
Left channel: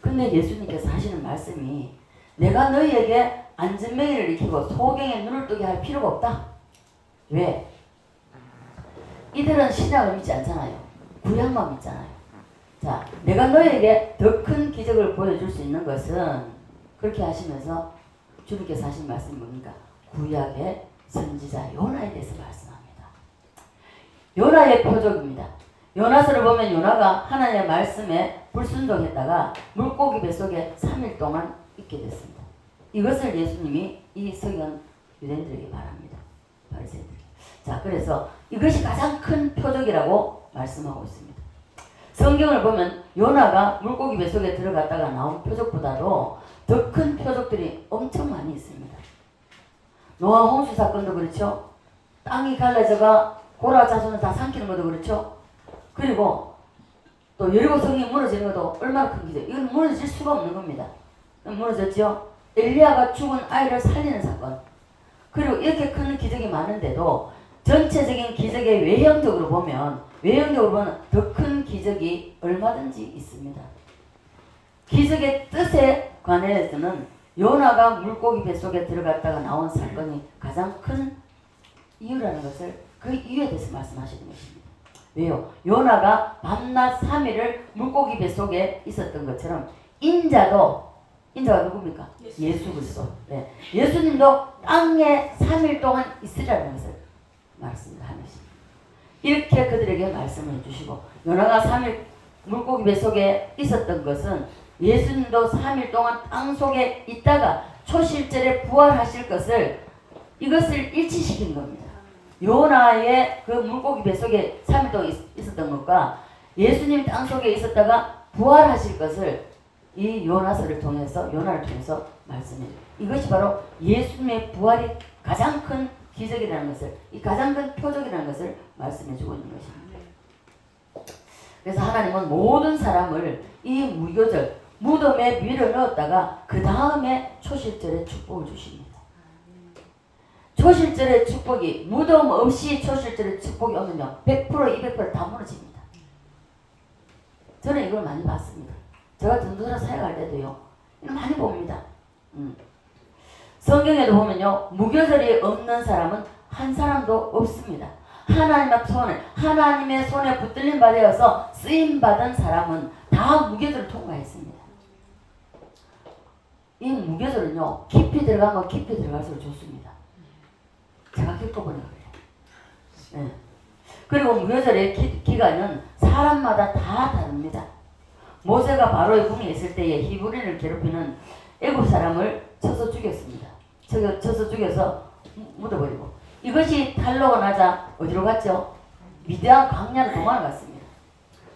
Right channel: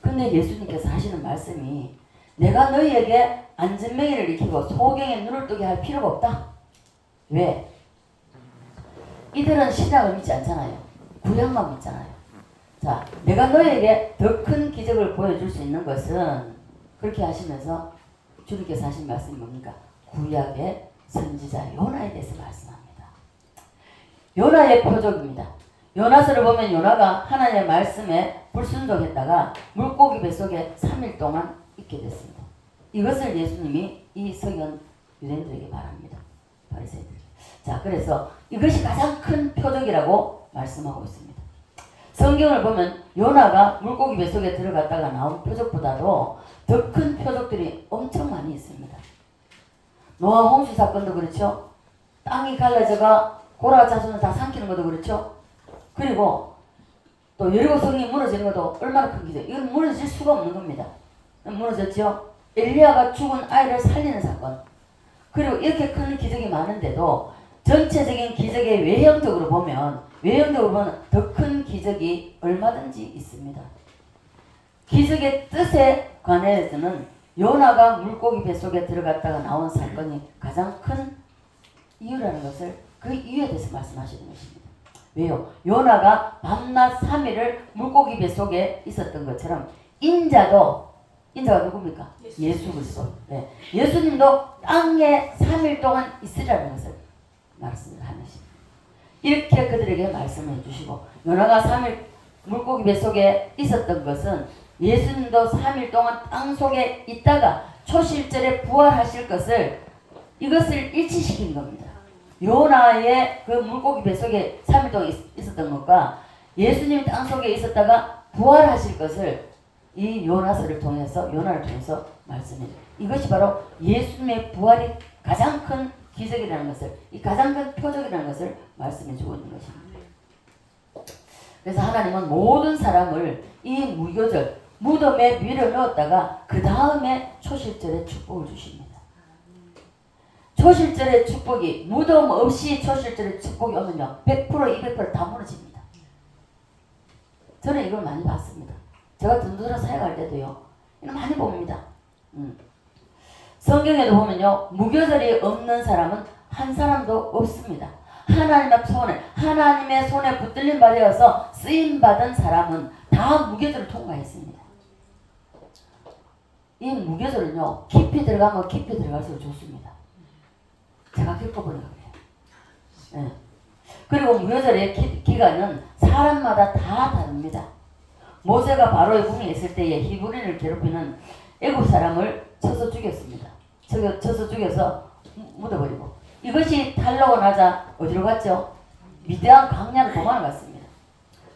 근데 예수님께서 하시는 말씀이 내가 너희에게 안전병이를 일으키고 소경에 눈을 뜨게 할 필요가 없다. 왜? 이들은 신약을 믿지 않잖아요. 구약만 믿잖아요. 자, 내가 너희에게 더 큰 기적을 보여줄 수 있는 것은 그렇게 하시면서 주님께서 하신 말씀이 뭡니까? 구약의 선지자 요나에 대해서 말씀합니다. 요나의 표적입니다. 요나서를 보면 요나가 하나님의 말씀에 불순종했다가 물고기 뱃속에 3일 동안 있게 됐습니다. 이것을 예수님이 이 서기관 유대인들에게 말합니다. 바리새인들. 자, 그래서 이것이 가장 큰 표적이라고 말씀하고 있습니다. 성경을 보면 요나가 물고기 뱃속에 들어갔다가 나온 표적보다도 더 큰 표적들이 엄청 많이 있습니다. 노아 홍수 사건도 그렇죠. 땅이 갈라져가 고라 자손을 다 삼키는 것도 그렇죠. 그리고 또 여리고 성이 무너지는 것도 얼마나 큰 기적. 이건 무너질 수가 없는 겁니다. 무너졌죠. 엘리야가 죽은 아이를 살리는 사건. 그리고 이렇게 큰 기적이 많은데도 전체적인 기적의 외형적으로 보면 더 큰 기적이 얼마든지 있습니다. 기적의 뜻에 관해서는 요나가 물고기 뱃속에 들어갔다가 나온 사건이 가장 큰 이유라는 것을 그 이유에 대해서 말씀하시는 것입니다. 왜요? 요나가 밤낮 3일을 물고기 뱃속에 있었던 것처럼 인자가 누굽니까? 예수 그리스도. 네. 예수님도 땅에 3일 동안 있으라는 것을 말씀하는 것입니다. 이렇게 그들에게 말씀을 해주시고 요나가 3일 물고기 뱃속에 있었던 것은 예수님도 3일 동안 땅속에 있다가 초실절에 부활하실 것을 이것을 일치시킨 겁니다. 요나의 그 물고기 뱃속에 3일 동안 있었던 것과 예수님이 땅속에 있었다가 부활하실 것을 이 요나를 통해서 말씀해요. 이것이 바로 예수님의 부활이 가장 큰 기적이라는 것을, 이 가장 큰 표적이라는 것을 말씀해주고 있는 것입니다. 그래서 하나님은 모든 사람을 이 무교절, 무덤에 밀어 넣었다가 그 다음에 초실절에 축복을 주십니다. 초실절의 축복이 무덤 없이 초실절의 축복이 오면요 100% 200%다 무너집니다. 저는 이걸 많이 봤습니다. 제가 든든한 사역할 때도요 이거 많이 봅니다. 성경에도 보면요 무교절이 없는 사람은 한 사람도 없습니다. 하나님의 손에 붙들린 바 되어서 쓰임받은 사람은 다 무교절을 통과했습니다. 이 무교절은요, 깊이 들어가면 깊이 들어갈수록 좋습니다. 제가 겪어보는 거예요. 네. 그리고 무교절의 기간은 사람마다 다 다릅니다. 모세가 바로의 궁에 있을 때에 히브리인을 괴롭히는 애굽 사람을 쳐서 죽였습니다. 쳐서 죽여서 묻어버리고, 이것이 탈로고 나자 어디로 갔죠? 미디안 광야로 도망을 갔습니다.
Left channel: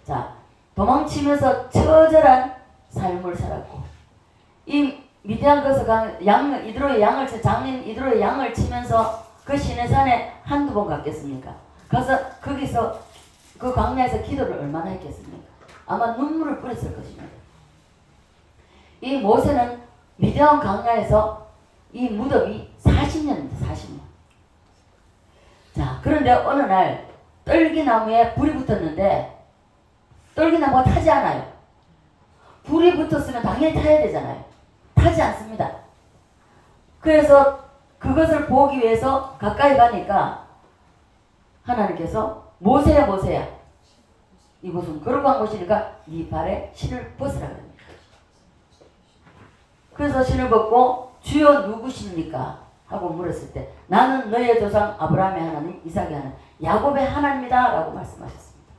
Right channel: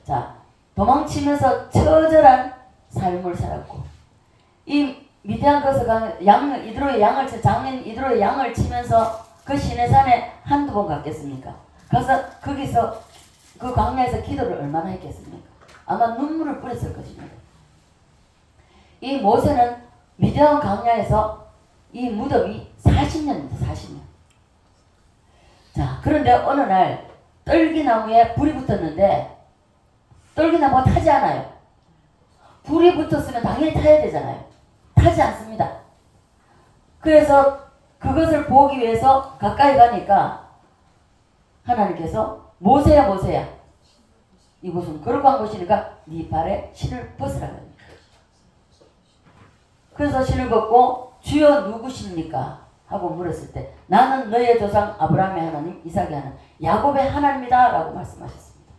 자, 도망치면서 처절한 삶을 살았고, 이 미디안 가서 장인 이드로의 양을 치면서 그 시내산에 한두 번 갔겠습니까? 가서 거기서 그 광야에서 기도를 얼마나 했겠습니까? 아마 눈물을 뿌렸을 것입니다. 이 모세는 미디안 광야에서 이 무덤이 40년입니다. 40년. 자, 그런데 어느 날 떨기나무에 불이 붙었는데 떨기나무가 타지 않아요. 불이 붙었으면 당연히 타야 되잖아요. 타지 않습니다. 그래서 그것을 보기 위해서 가까이 가니까 하나님께서 모세야 모세야, 이곳은 거룩한 곳이니까 네 발에 신을 벗으라 합니다. 그래서 신을 벗고 주여 누구십니까? 하고 물었을 때 나는 너희의 조상 아브라함의 하나님, 이삭의 하나님, 야곱의 하나님이다 라고 말씀하셨습니다.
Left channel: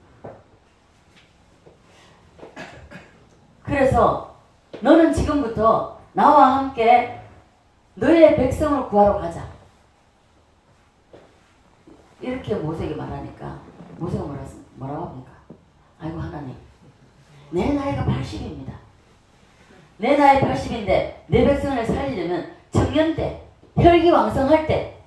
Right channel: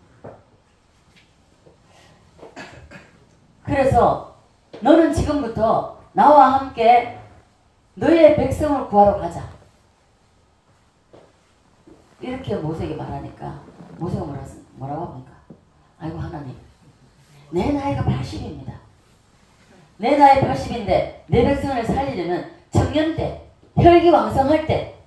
그래서 너는 지금부터 나와 함께 너희의 백성을 구하러 가자. 이렇게 모세에게 말하니까 모세가 뭐라고 합니까? 아이고 하나님, 내 나이가 80입니다. 내 나이 80인데 내 백성을 살리려면 청년 때, 혈기왕성할 때,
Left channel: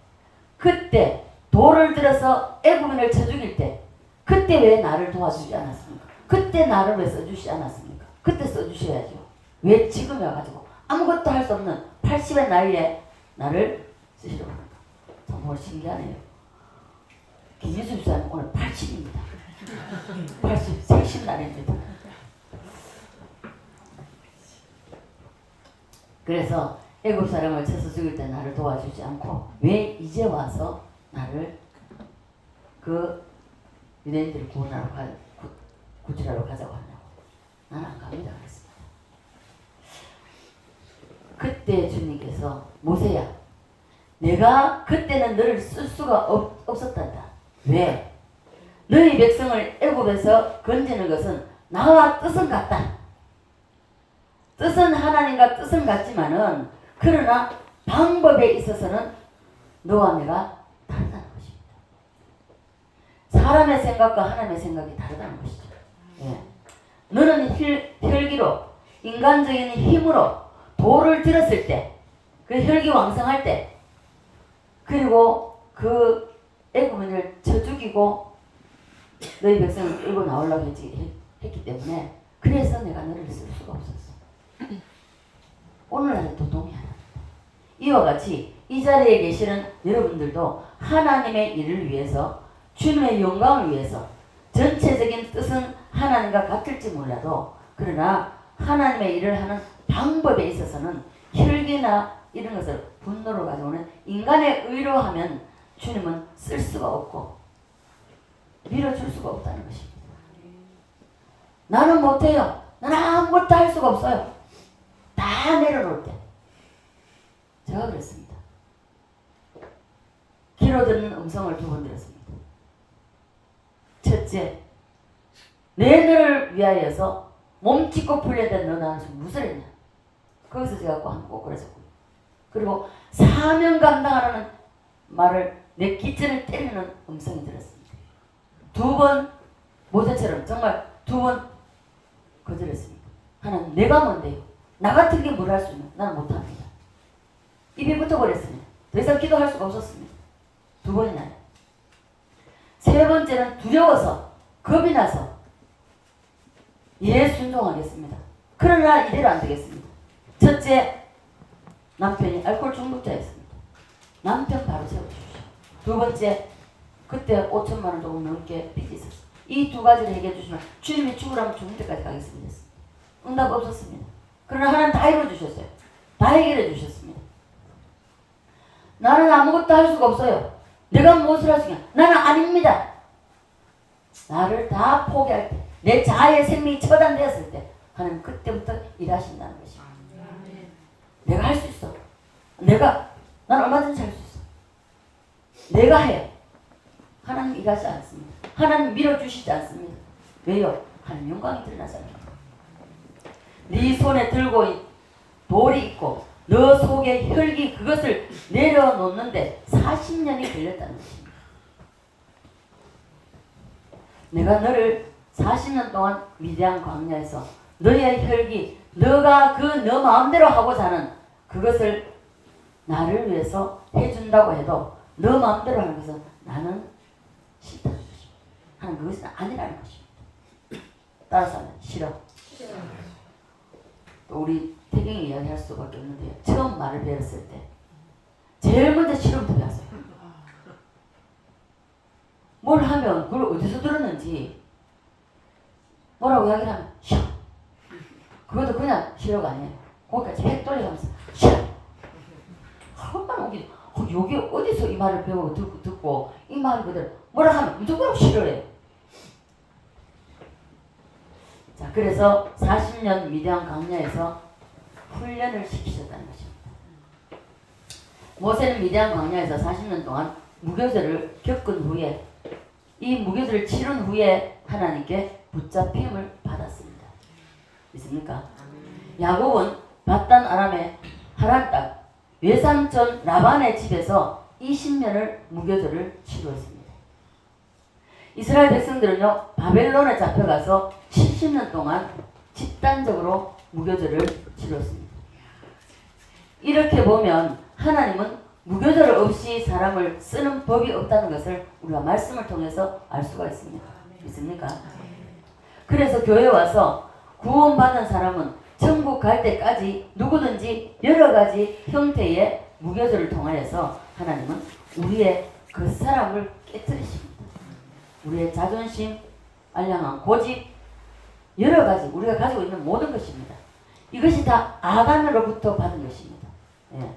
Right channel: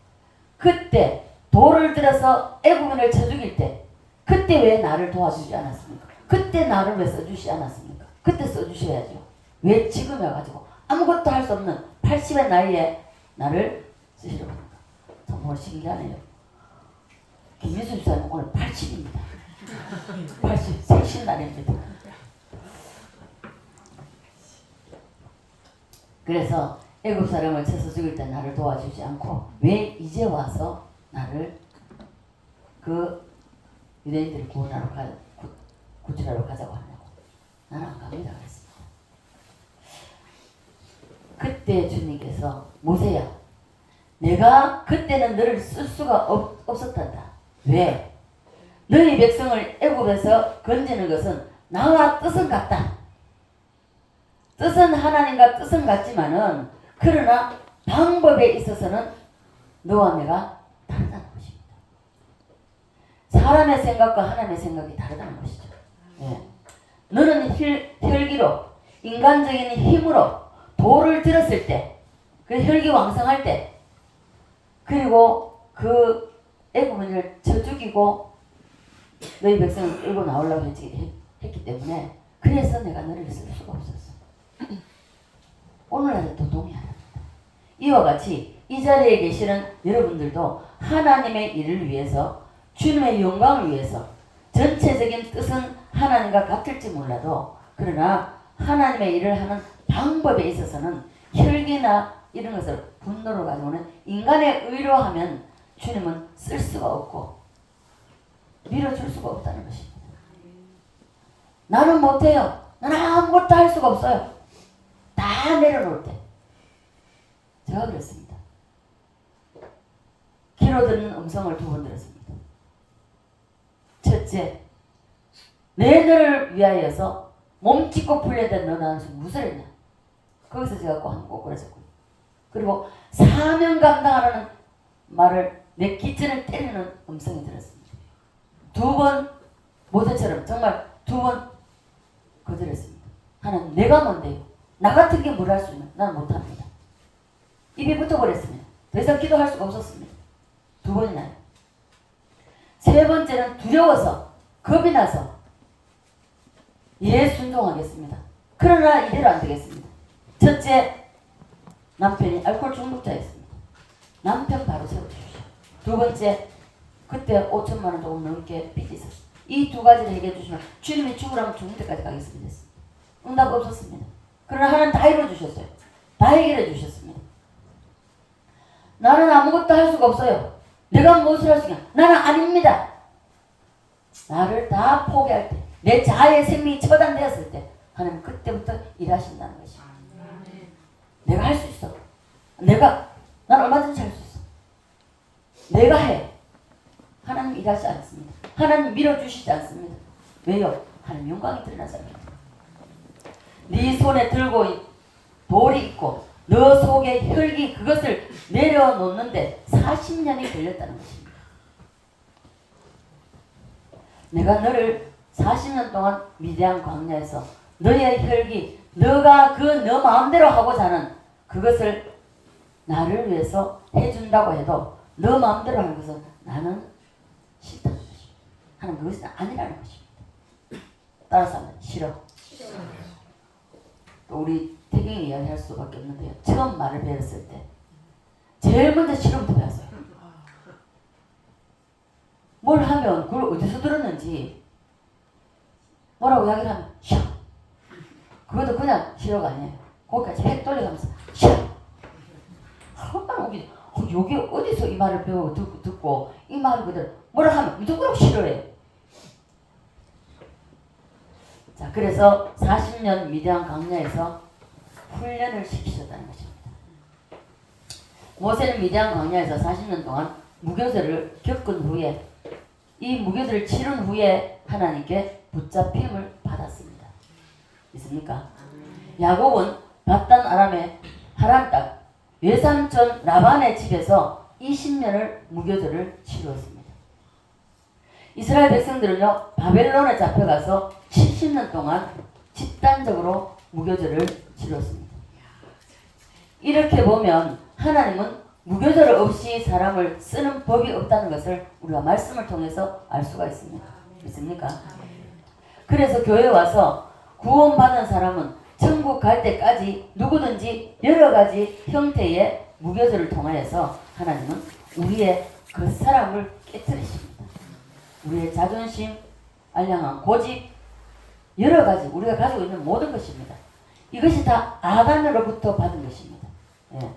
그때 돌을 들어서 애굽인을 쳐 죽일 때, 그때 왜 나를 도와주지 않았습니까? 그때 나를 왜 써주시지 않았습니까? 그때 써주셔야죠. 왜 지금 와가지고 아무것도 할 수 없는 80의 나이에 나를 쓰시려고 합니까? 정말 신기하네요. 김유수 집사님 오늘 80입니다. 80, 생신 날입니다. 그래서 애굽 사람을 쳐서 죽일 때 나를 도와주지 않고 왜 이제 와서 나를 그 유대인들을 구출하러 가자고 하냐고. 나는 안 갑니다 그랬습니다. 그때 주님께서 모세야, 내가 그때는 너를 쓸 수가 없었단다. 왜? 너희 백성을 애굽에서 건지는 것은 나와 뜻은 같다. 뜻은 하나님과 뜻은 같지만은 그러나 방법에 있어서는 너와 내가 다르다는 것입니다. 사람의 생각과 하나님의 생각이 다르다는 것이죠. 예. 너는 혈기로, 인간적인 힘으로 돌을 들었을 때, 그 혈기왕성할 때, 그리고 그 애굽인을 쳐 죽이고 너희 백성을 끌고 나오려고 했기 때문에 그래서 내가 너를 쓸 수가 없었어. 오늘날도 동의합니다. 이와 같이 이 자리에 계시는 여러분들도 하나님의 일을 위해서, 주님의 영광을 위해서, 전체적인 뜻은 하나님과 같을지 몰라도 그러나 하나님의 일을 하는 방법에 있어서는 혈기나 이런 것을 분노로 가져오는 인간의 의로 하면 주님은 쓸 수가 없고 밀어줄 수가 없다는 것입니다. 나는 못해요. 나는 아무것도 할 수가 없어요. 다 내려놓을 때 제가 그랬습니다. 귀로 듣는 음성을 2번 들었습니다. 첫째, 내 너를 위하여서 몸짓고 풀려된 너는 무엇을 했냐. 거기서 제가 꼭 그랬었고요. 그리고 사명 감당하라는 말을 내 기천을 때리는 음성이 들었습니다. 2번 모세처럼 정말 2번 거절했습니다. 하나님, 내가 뭔데요? 나 같은 게 뭘 할 수 있나? 나는 못합니다. 입에 붙어버렸습니다. 더 이상 기도할 수가 없었습니다. 2번이나요. 3번째는 두려워서, 겁이 나서 순종하겠습니다. 그러나 이대로 안 되겠습니다. 첫째, 남편이 알코올 중독자였습니다. 남편 바로 세워주십시오. 2번째, 그때 5천만 원 조금 넘게 빚이 있었습니다. 이 2가지를 얘기해 주시면 주님이 죽으라면 죽을 때까지 가겠습니다. 응답 없었습니다. 그러나 하나님 다 이루어주셨어요. 다 해결해 주셨습니다. 나는 아무것도 할 수가 없어요. 내가 무엇을 할 수 있냐? 나는 아닙니다. 나를 다 포기할 때, 내 자아의 생명이 처단되었을 때 하나님 그때부터 일하신다는 것입니다. 내가 할 수 있어. 난 얼마든지 할 수 있어. 내가 해. 하나님 일하지 않습니다. 하나님 밀어주시지 않습니다. 왜요? 하나님 영광이 드러나잖아요. 네 손에 들고 돌이 있고 너 속에 혈기 그것을 내려놓는데 40년이 걸렸다는 것입니다. 내가 너를 40년 동안 미대한 광야에서 너의 혈기, 너가 너 마음대로 하고자 하는 그것을 나를 위해서 해준다고 해도 너 마음대로 하는 것은 나는 싫다는 것입니다. 하는 그것은 아니라는 것입니다. 따라서 하면 싫어. 또 우리 태경이 이야기할 수밖에 없는데요. 처음 말을 배웠을 때 제일 먼저 싫음부터 배웠어요. 뭘 하면 그걸 어디서 들었는지 뭐라고 이야기를 하면 싫어. 그것도 그냥 싫어가 아니에요. 거기까지 획 돌려가면서 싫어. 얼마나 웃기지. 여기 어디서 이 말을 배우고 듣고 이 말을 그대로 뭐라 하면 무조건 싫어해. 자, 그래서 40년 미대한 광야에서 훈련을 시키셨다는 것입니다. 모세는 미대한 광야에서 40년 동안 무교절을 겪은 후에 이 무교절을 치른 후에 하나님께 붙잡힘을 받았습니다. 있습니까? 야곱은 바단 아람의 하란 땅 외삼촌 라반의 집에서 20년을 무교절을 치루었습니다. 이스라엘 백성들은요 바벨론에 잡혀가서 70년 동안 집단적으로 무교절을 치렀습니다. 이렇게 보면 하나님은 무교절 없이 사람을 쓰는 법이 없다는 것을 우리가 말씀을 통해서 알 수가 있습니다. 있습니까? 그래서 교회에 와서 구원받은 사람은 천국 갈 때까지 누구든지 여러 가지 형태의 무교절을 통하여서 하나님은 우리의 그 사람을 깨뜨리십니다. 우리의 자존심, 알량한 고집, 여러 가지 우리가 가지고 있는 모든 것입니다. 이것이 다 아간으로부터 받은 것입니다. 예.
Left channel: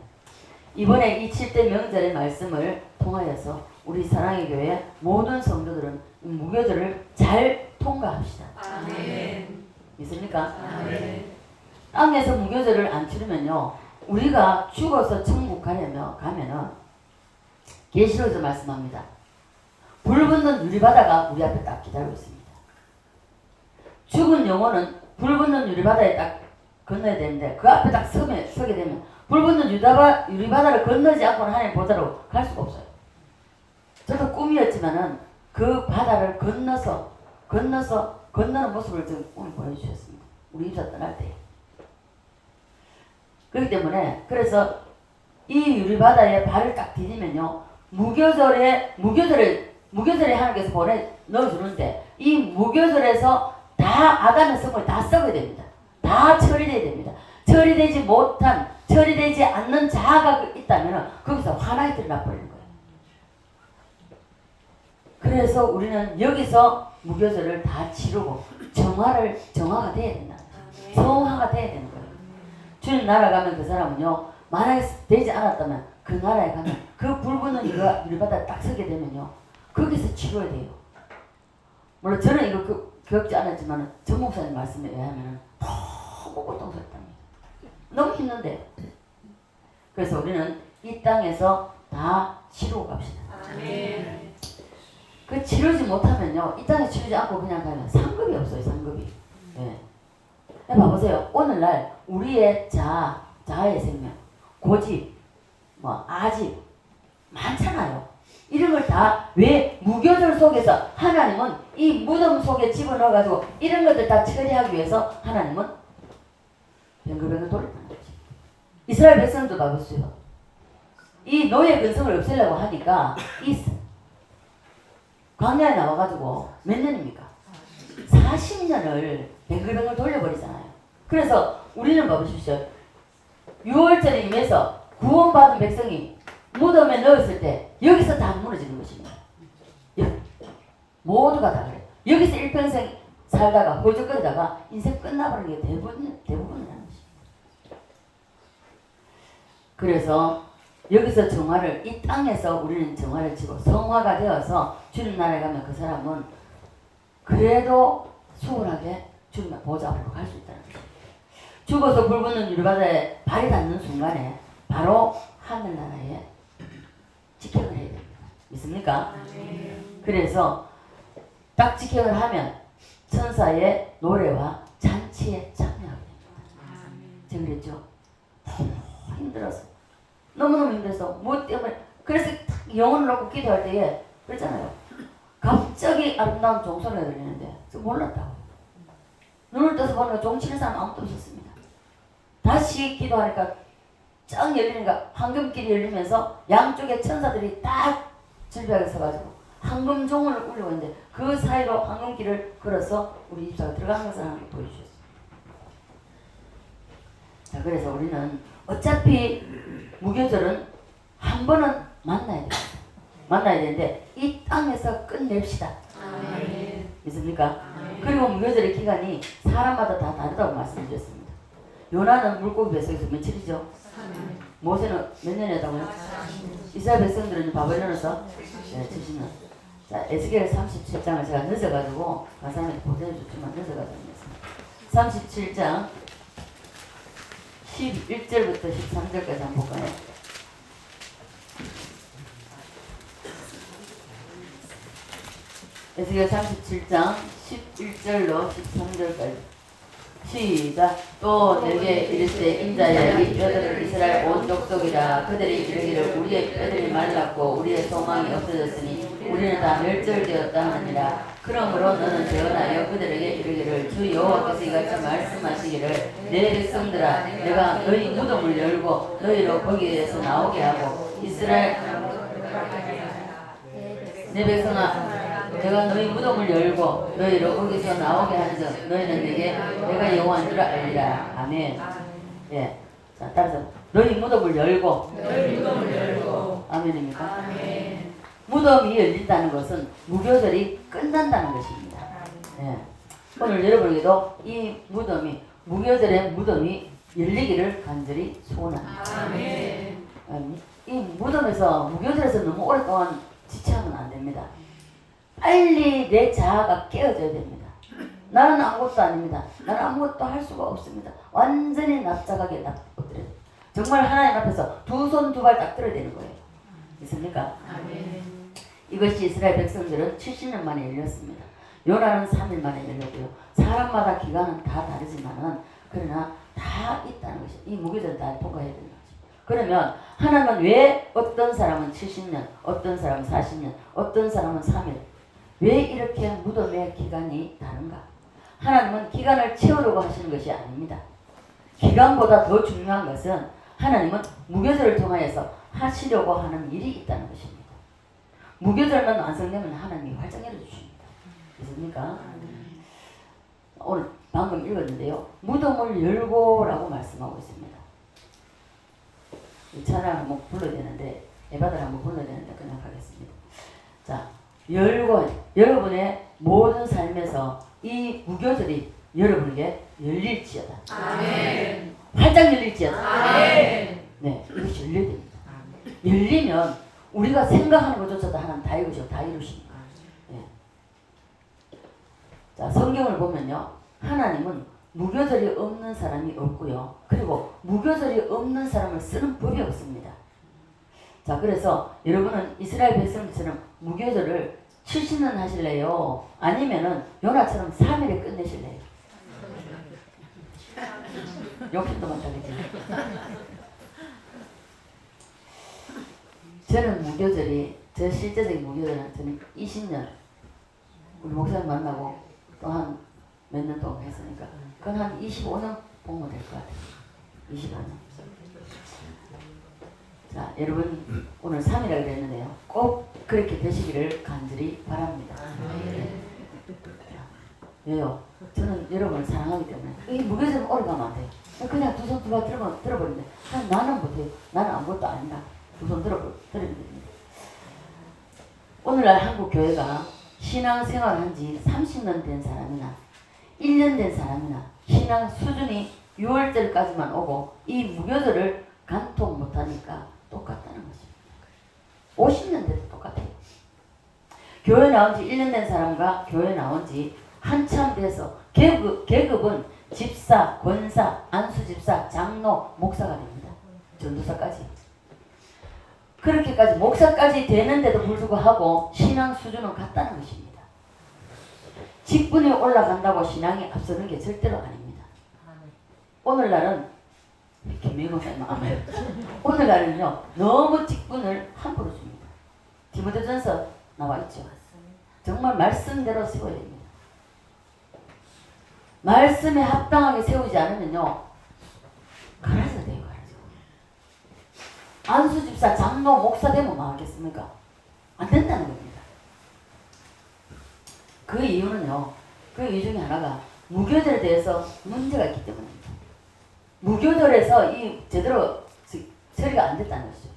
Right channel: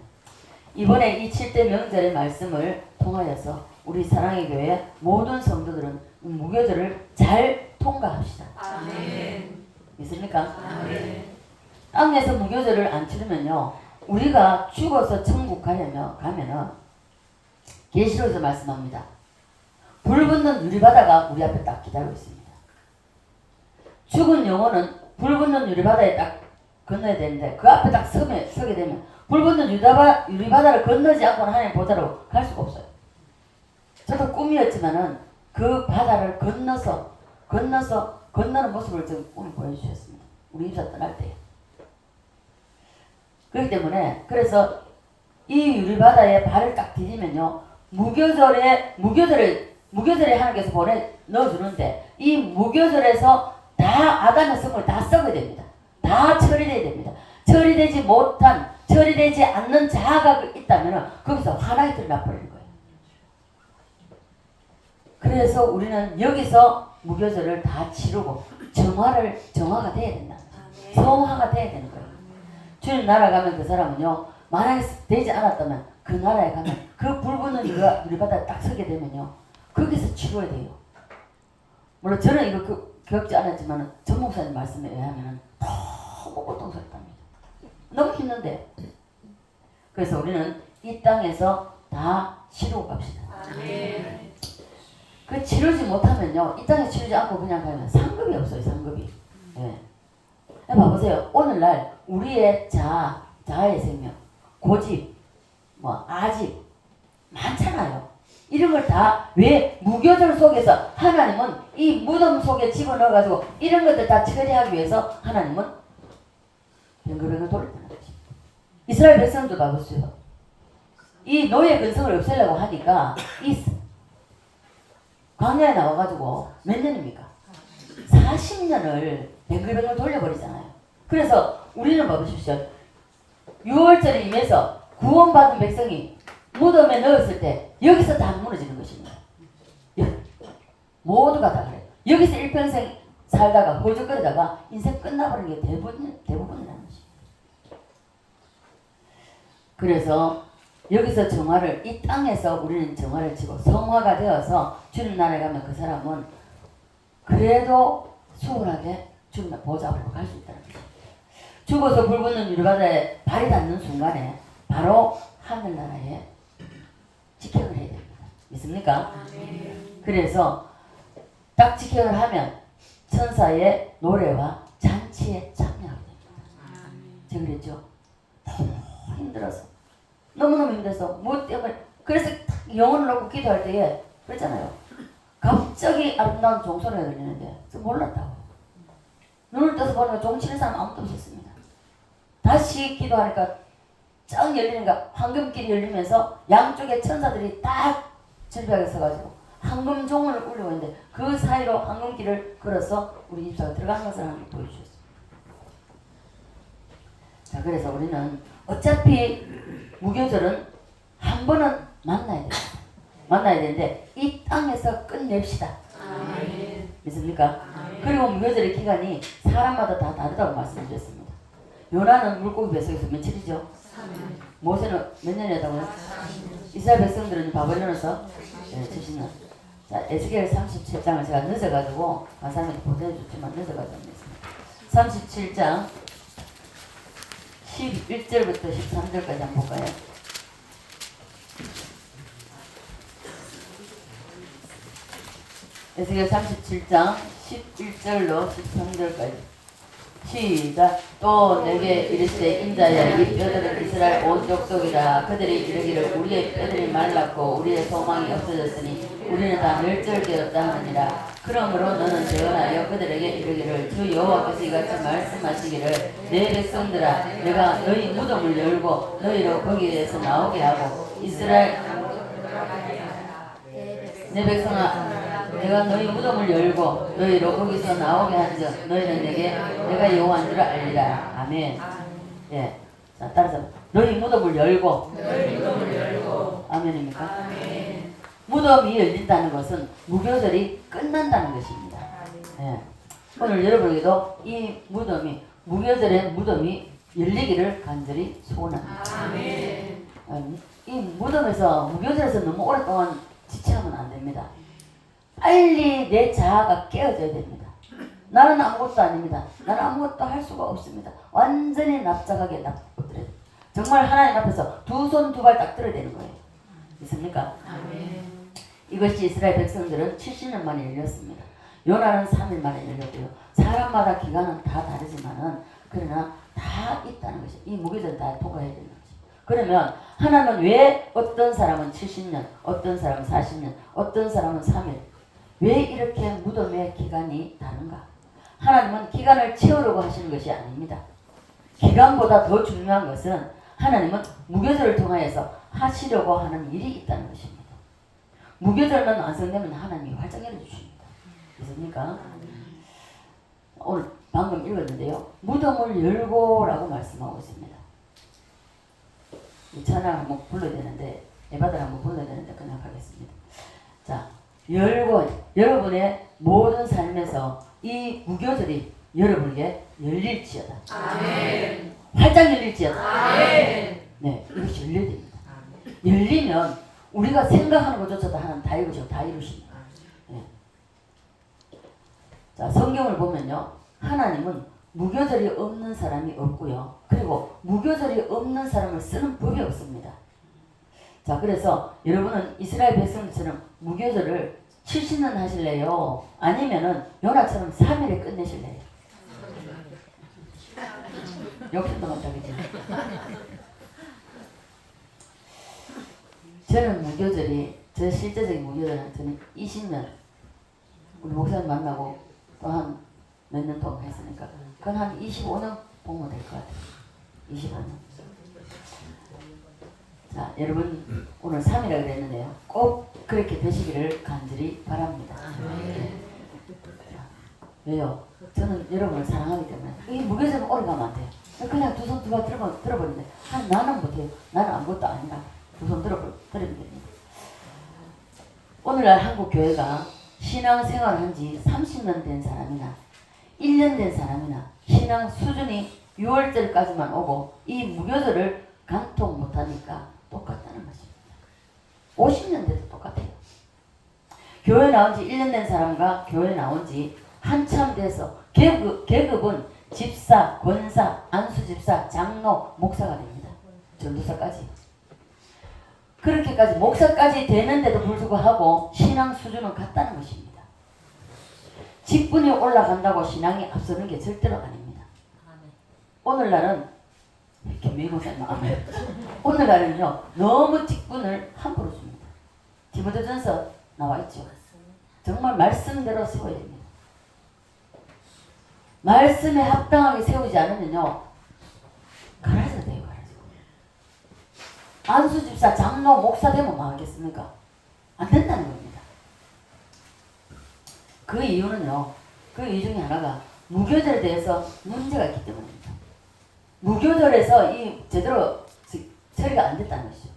이번에 이 7대 명절의 말씀을 통하여서 우리 사랑의 교회 모든 성도들은 무교절을 잘 통과합시다. 아멘. 있습니까? 아멘. 땅에서 무교절을 안 치르면요 우리가 죽어서 천국 가면은 계시록에서 말씀합니다. 불 붙는 유리바다가 우리 앞에 딱 기다리고 있습니다. 죽은 영혼은 불 붙는 유리바다에 딱 건너야 되는데 그 앞에 딱 서게 되면 불 붙는 유리바다를 건너지 않고는 하나님 보다로 갈 수가 없어요. 저도 꿈이었지만은 그 바다를 건너는 모습을 좀 오늘 보여주셨습니다. 우리 입사 떠날 때. 그렇기 때문에 그래서 이 유리바다에 발을 딱 디디면요 무교절에 하나님께서 넣어주는데 이 무교절에서 다 아간의 성을 다 썩어야 됩니다. 다 처리돼야 됩니다. 처리되지 않는 자아가 있다면 거기서 하나가 드러나버리는 거예요. 그래서 우리는 여기서 무교절을 다 치르고 정화가 돼야 된다. 성화가 돼야 되는 거예요. 주님 나라 가면 그 사람은요 만약에 되지 않았다면 그 나라에 가면 그 불 붙는 유리바다에 딱 서게 되면요 거기서 치료해야 돼요. 물론 저는 이거 겪지 않았지만 전 목사님 말씀에 의하면 너무 고통스럽답니다. 너무 힘든데 그래서 우리는 이 땅에서 다 치르고 갑시다. 아멘. 그 치르지 못하면요 이 땅에 치르지 않고 그냥 가면 상급이 없어요. 상급이. 네. 봐보세요. 오늘날 우리의 자아의 생명, 고집, 아집 많잖아요. 이런 걸 다 왜 무교절 속에서 하나님은 이 무덤 속에 집어넣어가지고 이런 것들 다 처리하기 위해서 하나님은 병거병을 돌렸다는 거지. 이스라엘 백성도 봐보세요. 이 노예 근성을 없애려고 하니까 이 광야에 나와가지고 몇 년입니까? 40년을 뱅글뱅글 돌려버리잖아요. 그래서 우리는 봐보십시오. 6월절을 위해서 구원받은 백성이 무덤에 넣었을 때 여기서 다 무너지는 것입니다. 모두가 다 그래요. 여기서 일평생 살다가 허적거리다가 인생 끝나버리는 게 대부분이라는 것입니다. 그래서 여기서 정화를 이 땅에서 우리는 정화를 치고 성화가 되어서 주님 나라에 가면 그 사람은 그래도 수월하게 주님의 보좌 앞으로 갈 수 있다는 거예요. 죽어서 불붙는 유리바다에 발이 닿는 순간에 바로 하늘나라에 직행을 해야 됩니다. 믿습니까? 그래서 딱 직행을 하면 천사의 노래와 잔치에 참여하게 됩니다. 제가 그랬죠. 너무 힘들어서 너무너무 힘들어서 뭐 때문에 그래서 영혼을 놓고 기도할 때에 그랬잖아요. 갑자기 아름다운 종소리가 들리는데 몰랐다고. 눈을 떠서 보니까 종치는 사람 아무도 없었습니다. 다시 기도하니까 쫙 열리니까 황금길이 열리면서 양쪽에 천사들이 딱 질비하게 서가지고 황금종을 울리고 있는데 그 사이로 황금길을 걸어서 우리 입사가 들어가는 것을 하나님 보여주셨어요. 자, 그래서 우리는 어차피 무교절은 한 번은 만나야 돼요. 만나야 되는데 이 땅에서 끝냅시다. 믿습니까? 그리고 무교절의 기간이 사람마다 다 다르다고 말씀드렸습니다. 요나는 물고기 뱃속에서 며칠이죠? 모세는 몇 년이었다고요? 이스라엘 백성들은 바벨론에서 70년. 자, 에스겔 37장을 제가 늦어가지고 강사님한테 보내줬지만 늦어가지고 했습니다. 37장 11절부터 13절까지 한번 볼까요? 에스겔 37장 11절로 13절까지 시작. 또 내게 이르시되 인자야 이 뼈들은 이스라엘 온 족속이라. 그들이 이르기를 우리의 뼈들이 말랐고 우리의 소망이 없어졌으니 우리는 다 멸절되었다 하느니라. 그러므로 너는 재언하여 그들에게 이르기를 주 여호와께서 이같이 말씀하시기를 내 백성들아 내가 너희 무덤을 열고 너희로 거기에서 나오게 하고 이스라엘 내 백성아 내가 너희 무덤을 열고 너희로 거기서 나오게 하는즉 너희는 내가 여호와인 줄 알리라. 아멘. 예. 자, 따라서 너희 무덤을 열고 아멘입니까? 아멘. 무덤이 열린다는 것은 무교절이 끝난다는 것입니다. 예. 오늘 여러분에게도 이 무덤이 무교절의 무덤이 열리기를 간절히 소원합니다. 아멘. 이 무덤에서 무교절에서 너무 오랫동안 지체하면 안 됩니다. 빨리 내 자아가 깨어져야 됩니다. 나는 아무것도 아닙니다. 나는 아무것도 할 수가 없습니다. 완전히 납작하게 엎드려. 정말 하나님 앞에서 두 손 두 발 딱 들어야 되는 거예요. 있습니까? 아멘. 이것이 이스라엘 백성들은 70년 만에 열렸습니다. 요나는 3일 만에 열렸고요. 사람마다 기간은 다 다르지만은 그러나 다 있다는 것이 이 무교절 다 통과해야 되는 거죠. 그러면 하나님은 왜 어떤 사람은 70년, 어떤 사람은 40년, 어떤 사람은 3일 왜 이렇게 무덤의 기간이 다른가? 하나님은 기간을 채우려고 하시는 것이 아닙니다. 기간보다 더 중요한 것은 하나님은 무교절을 통하여서 하시려고 하는 일이 있다는 것입니다. 무교절만 완성되면 하나님이 활짝 열어주십니다. 믿습니까? 오늘 방금 읽었는데요. 무덤을 열고라고 말씀하고 있습니다. 이 찬양 한번 불러야 되는데 예바다를 한번 불러야 되는데 그냥 가겠습니다. 자, 열고 여러분의 모든 삶에서 이 무교절이 여러분에게 열릴지어다. 아멘. 활짝 열릴지어다. 아멘. 네, 이것이 열려야 됩니다. 열리면 우리가 생각하는 것조차도 하나님 다 이루시고 다 이루십니다. 네. 자, 성경을 보면요, 하나님은 무교절이 없는 사람이 없고요. 그리고 무교절이 없는 사람을 쓰는 법이 없습니다. 자, 그래서 여러분은 이스라엘 백성들처럼 무교절을 70년 하실래요? 아니면은 요나처럼 3일에 끝내실래요? 욕심도 많다, 그죠? 저는 무교절이, 저 실제적인 무교절은 저는 20년, 우리 목사님 만나고 또 한 몇 년 동안 했으니까, 그건 한 25년 보면 될 것 같아요. 25년. 자, 여러분, 오늘 3이라고 그랬는데요. 꼭 그렇게 되시기를 간절히 바랍니다. 네. 왜요? 저는 여러분을 사랑하기 때문에. 이 무교절 오래 가면 안 돼요. 그냥 두 손 두 발 들어버리는데, 나는 못해요. 나는 아무것도 아니다. 두 손 들어버리면 됩니다. 오늘날 한국 교회가 신앙생활을 한 지 30년 된 사람이나 1년 된 사람이나 신앙 수준이 6월절까지만 오고 이 무교절을 간통 못하니까 똑같다는 것입니다. 50년 돼도 똑같아요. 교회 나온 지 1년 된 사람과 교회 나온 지 한참 돼서 계급은 집사, 권사, 안수집사, 장로, 목사가 됩니다. 전도사까지. 그렇게까지 목사까지 되는데도 불구하고 신앙 수준은 같다는 것입니다. 직분이 올라간다고 신앙이 앞서는 게 절대로 아닙니다. 오늘날은 김미국사님 아멘. 오늘날은요 너무 직분을 함부로 줍니다. 디모데전서 나와 있죠. 정말 말씀대로 세워야 됩니다. 말씀에 합당하게 세우지 않으면요 갈아서 돼요. 안수집사, 장로, 목사 되면 뭐 하겠습니까? 안 된다는 겁니다. 그 이유는요 그 이유 중에 하나가 무교절에 대해서 문제가 있기 때문입니다. 무교절에서 이 제대로 처리가 안 됐다는 것이죠.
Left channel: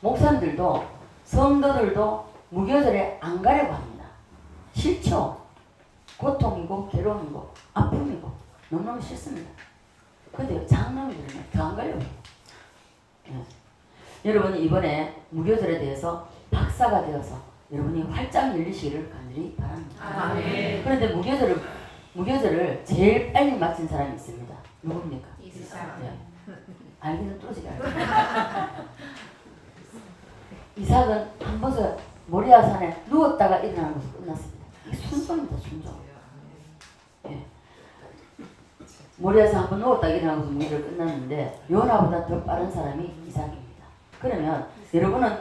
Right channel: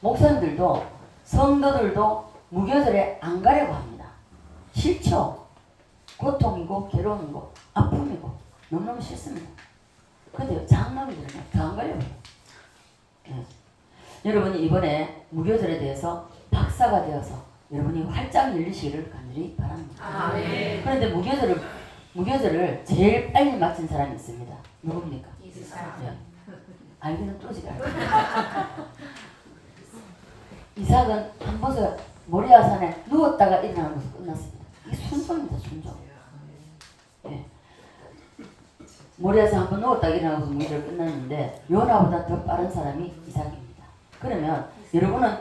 목사님들도 성도들도 무교절에 안 가려고 합니다. 싫죠. 고통이고 괴로움이고 아픔이고 너무너무 싫습니다. 근데 장남들은 더 안 가려고 해요. 예. 여러분이 이번에 무교절에 대해서 박사가 되어서 여러분이 활짝 열리시기를 간절히 바랍니다. 아멘. 그런데 무교절을 제일 빨리 마친 사람이 있습니다. 누굽니까? 예. 알기는 뚫어지게 알죠. 이삭은 한 번서 모리아산에 누웠다가 일어나는 것으로 끝났습니다. 이게 순종입니다. 순종. 예. 모리아산 한 번 누웠다가 일어나는 것으로 무교절을 끝났는데 요나보다 더 빠른 사람이 이삭입니다. 그러면 여러분은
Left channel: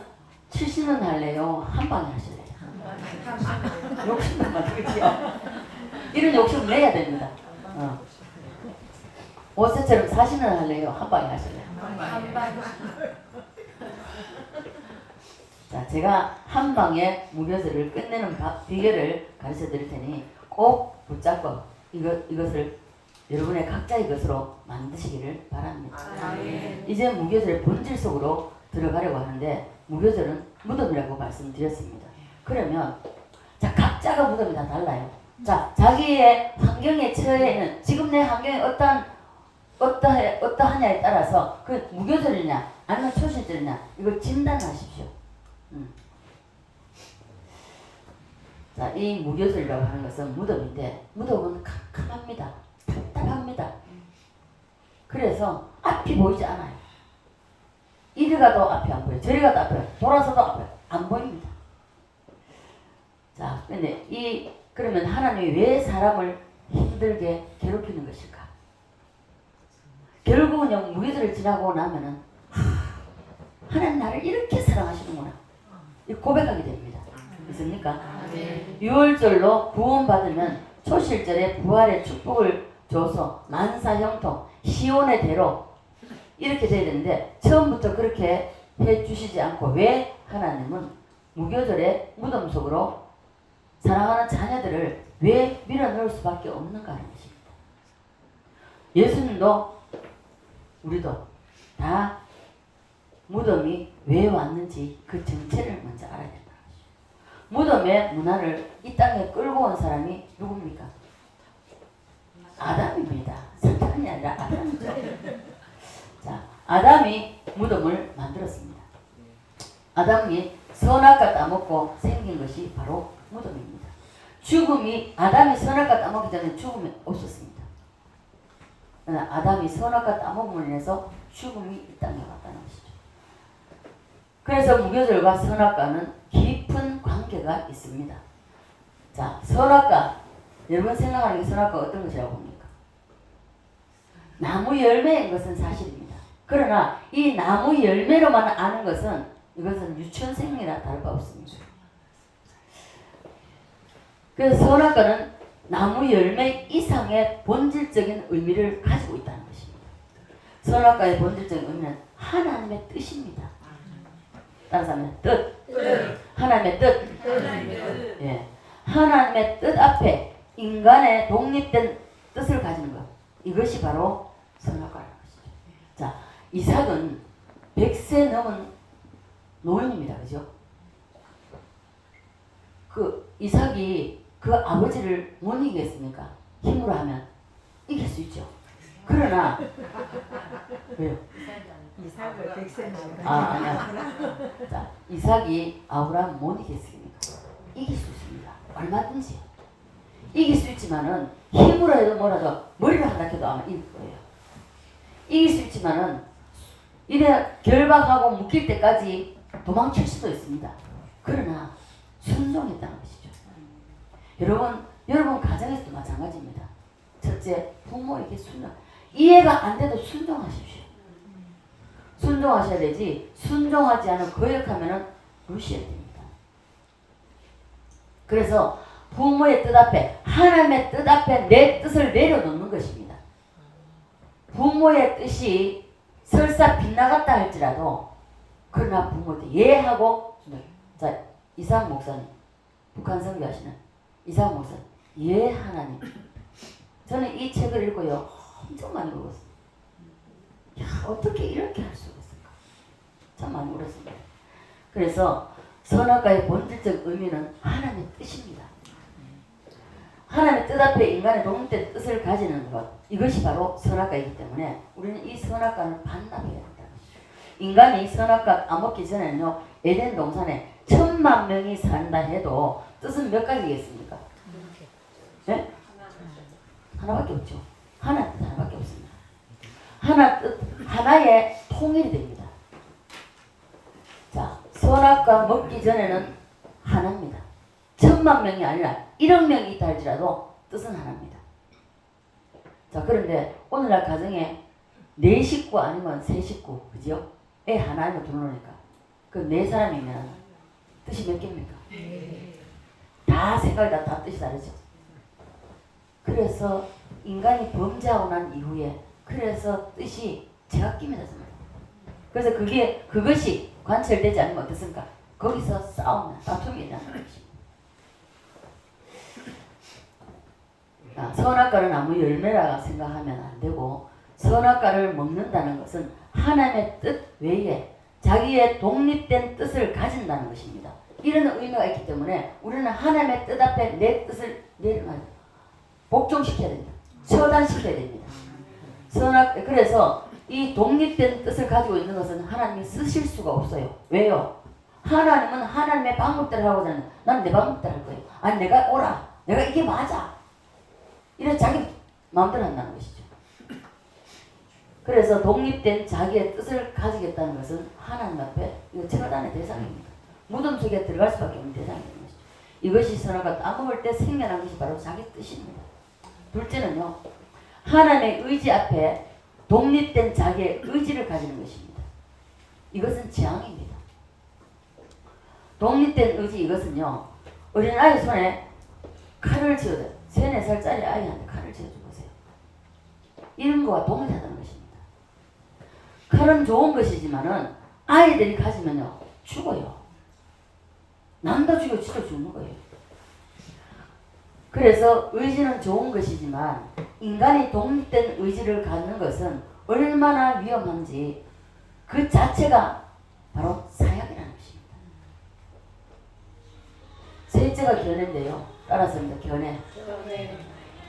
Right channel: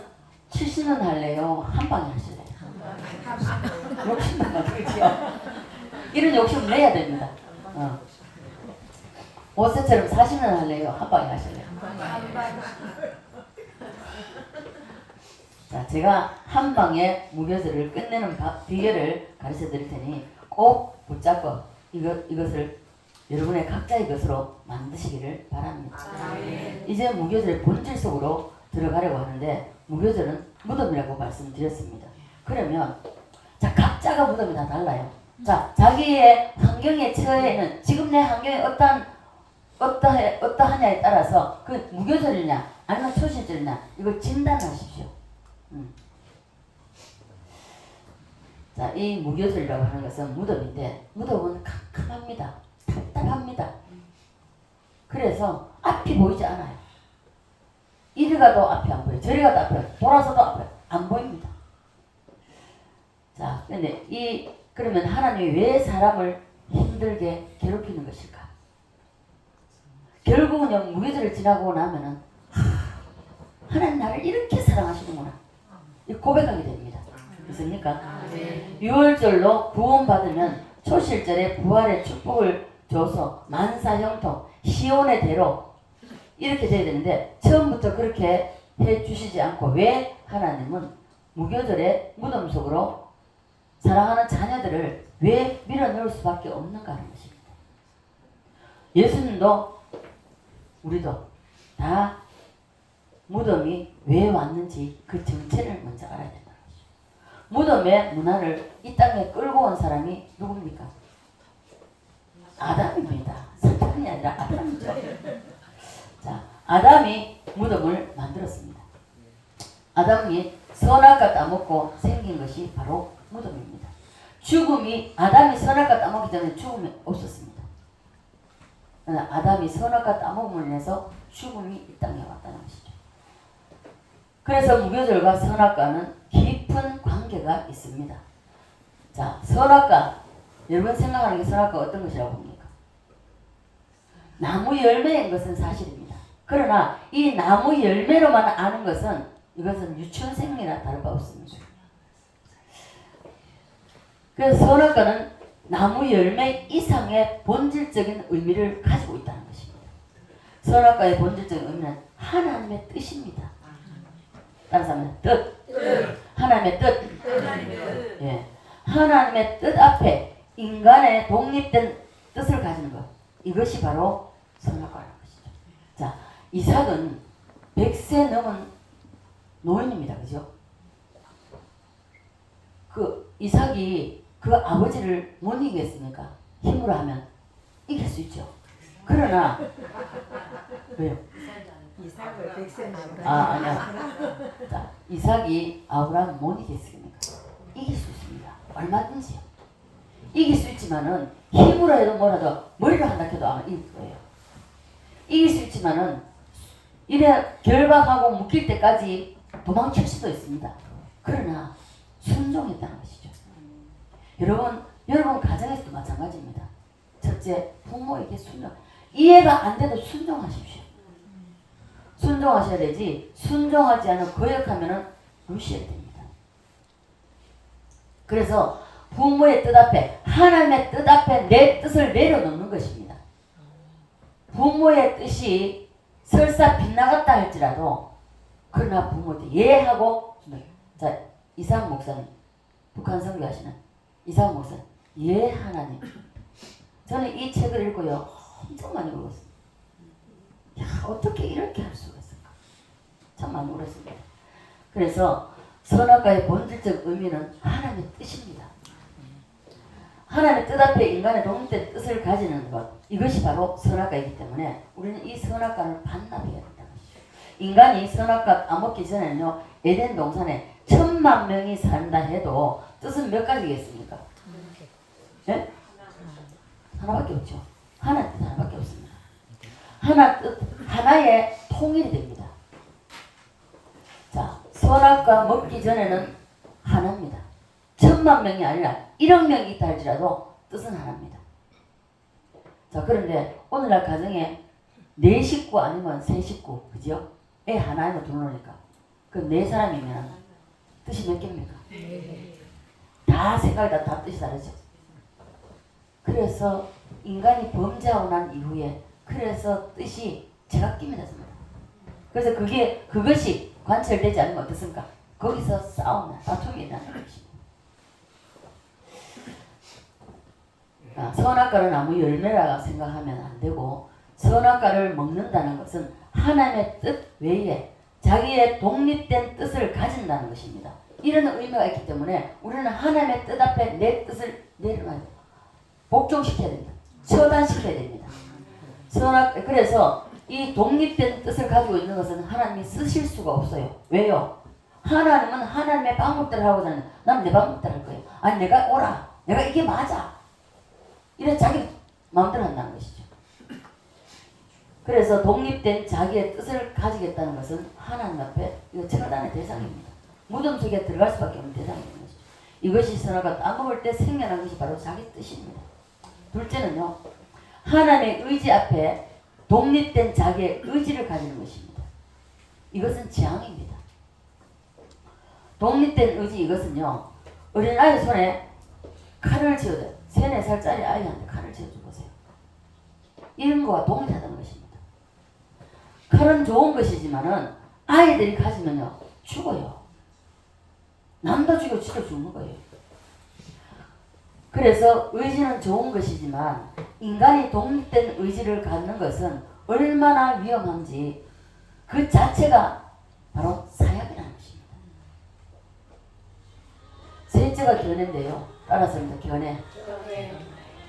70년 할래요? 한 방에 하실래요? 욕심만 그렇지요. 이런 욕심 내야 됩니다. 모세처럼 40년 할래요? 한 방에 하실래요? 자, 제가 한 방에 무교절을 끝내는 비결을 가르쳐 드릴 테니 꼭 붙잡고 이것을 여러분의 각자의 것으로 만드시기를 바랍니다. 이제 무교절의 본질 속으로 들어가려고 하는데 무교절은 무덤이라고 말씀드렸습니다. 그러면 자 각자가 무덤이 다 달라요. 자 자기의 환경에 처해는 지금 내 환경이 어떠하냐에 따라서 그 무교절이냐 아니면 초신절이냐 이걸 진단하십시오. 자, 이 무교절이라고 하는 것은 무덤인데 무덤은 캄캄합니다. 답답합니다. 그래서 앞이 보이지 않아요. 이리 가도 앞이 안 보여요. 저리 가도 앞이 안 보여요. 돌아서도 앞이 안 보입니다. 자, 근데 그러면 하나님이 왜 사람을 힘들게 괴롭히는 것일까? 결국은 무교절을 지나고 나면은 하나님 나를 이렇게 사랑하시는구나. 이 고백하게 됩니다. 있습니까? 6월절로 구원받으면 초실절에 부활의 축복을 줘서 만사형통 시온의 대로 이렇게 돼야 되는데 처음부터 그렇게 해주시지 않고 왜 하나님은 무교절에 무덤 속으로 사랑하는 자녀들을 왜 밀어넣을 수밖에 없는가 하는 것입니다. 예수님도 우리도 다 무덤이 왜 왔는지 그 정체를 먼저 알아야 된다는 것이죠. 무덤의 문화를 이 땅에 끌고 온 사람이 누굽니까? 아담입니다. 사탄이 아니라 아담이죠. 자, 아담이 무덤을 만들었습니다. 아담이 선악과 따먹고 생긴 것이 바로 무덤입니다. 아담이 선악과 따먹기 전에 죽음이 없었습니다. 아담이 선악과 따먹음을 인해서 죽음이 이 땅에 왔다는 것이죠. 그래서 무교절과 선악과는 깊은 관계가 있습니다. 자, 선악과 여러분 생각하는 게 선악과 어떤 것이라고 봅니까? 나무 열매인 것은 사실입니다. 그러나 이 나무 열매로만 아는 것은 이것은 유치원생이나 다를 바 없습니다. 그래서 선악과는 나무 열매 이상의 본질적인 의미를 가지고 있다는 것입니다. 선악과의 본질적인 의미는 하나님의 뜻입니다. 다른 사람은 뜻. 하나님의 뜻. 예. 하나님의 뜻 앞에 인간의 독립된 뜻을 가지는 것. 이것이 바로 선악과라는 것이죠. 자, 이삭은 100세 넘은 노인입니다. 그죠? 그 이삭이 그 아버지를 못 이기겠습니까? 힘으로 하면 이길 수 있죠. 그러나 왜요? 이삭을 백세는 아니야. 자, 이삭이 아브라함 못 이겼습니까? 이길 수 있습니다. 얼마든지 이길 수 있지만은 힘으로 해도 뭐라도 머리로 한다 해도 아마 이길 거예요. 이길 수 있지만은 이래 결박하고 묶일 때까지 도망칠 수도 있습니다. 그러나 순종했다는 것이죠. 여러분 가정에서도 마찬가지입니다. 첫째, 부모에게 순종. 이해가 안 돼도 순종하십시오. 순종하셔야 되지 순종하지 않으면 거역하면 루시해야 됩니다. 그래서 부모의 뜻 앞에 하나님의 뜻 앞에 내 뜻을 내려놓는 것입니다. 부모의 뜻이 설사 빗나갔다 할지라도 그러나 부모한테 예하고 자 이상 목사님 북한 선교하시는 이상 목사님 예 하나님 저는 이 책을 읽고요 엄청 많이 울었어요. 야 어떻게 이렇게 할 수가 있을까 참 많이 울었습니다. 그래서 선악과의 본질적 의미는 하나님의 뜻입니다. 하나님의 뜻 앞에 인간의 독립된 뜻을 가지는 것 이것이 바로 선악과이기 때문에 우리는 이 선악과를 반납해야 된다. 인간이 선악과 따먹기 전에는요 에덴 동산에 1000만 명이 산다 해도 뜻은 몇 가지겠습니까? 네? 하나밖에 없죠. 하나의 뜻 하나밖에 없습니다. 하나 뜻 하나의 통일이 됩니다. 자 선악과 먹기 전에는 하나입니다. 1000만 명이 아니라 1억 명이 있다 할지라도 뜻은 하나입니다. 자 그런데 오늘날 가정에 4식구 아니면 3식구 그죠? 애 하나이면 둘러니까 그 4사람이면 뜻이 몇 개입니까? 다 생각이 다 뜻이 다르죠. 그래서 인간이 범죄하고 난 이후에 그래서 뜻이 제각기입니다. 그래서 그것이 관철되지 않으면 어떻습니까? 거기서 싸움이나 다툼이 일어나는 것입니다. 선악과를 나무 열매라 생각하면 안 되고 선악과를 먹는다는 것은 하나님의 뜻 외에 자기의 독립된 뜻을 가진다는 것입니다. 이런 의미가 있기 때문에 우리는 하나님의 뜻 앞에 내 뜻을 내려놔야 돼요. 복종시켜야 됩니다. 처단시켜야 됩니다. 그래서 이 독립된 뜻을 가지고 있는 것은 하나님이 쓰실 수가 없어요. 왜요? 하나님은 하나님의 방법대로 하고자 하는데 나는 내 방법대로 할 거예요. 아니 내가 옳아. 내가 이게 맞아. 이래 자기 마음대로 한다는 것이죠. 그래서 독립된 자기의 뜻을 가지겠다는 것은 하나님 앞에 이거 처단의 대상입니다. 무덤 속에 들어갈 수밖에 없는 대상인 것이죠. 이것이 선악과 따먹을 때 생겨난 것이 바로 자기 뜻입니다. 둘째는요. 하나님의 의지 앞에 독립된 자기의 의지를 가지는 것입니다. 이것은 재앙입니다. 독립된 의지 이것은요. 어린아이 손에 칼을 쥐어줘요. 3, 4살짜리 아이한테 칼을 쥐어줘 보세요. 이런 거와 동일하다는 것입니다. 칼은 좋은 것이지만은 아이들이 가지면요. 죽어요. 남도 죽여 지도 죽는 거예요. 그래서 의지는 좋은 것이지만 인간이 독립된 의지를 갖는 것은 얼마나 위험한지 그 자체가 바로 사약이라는 것입니다. 셋째가 견해인데요. 따라서입니다. 견해.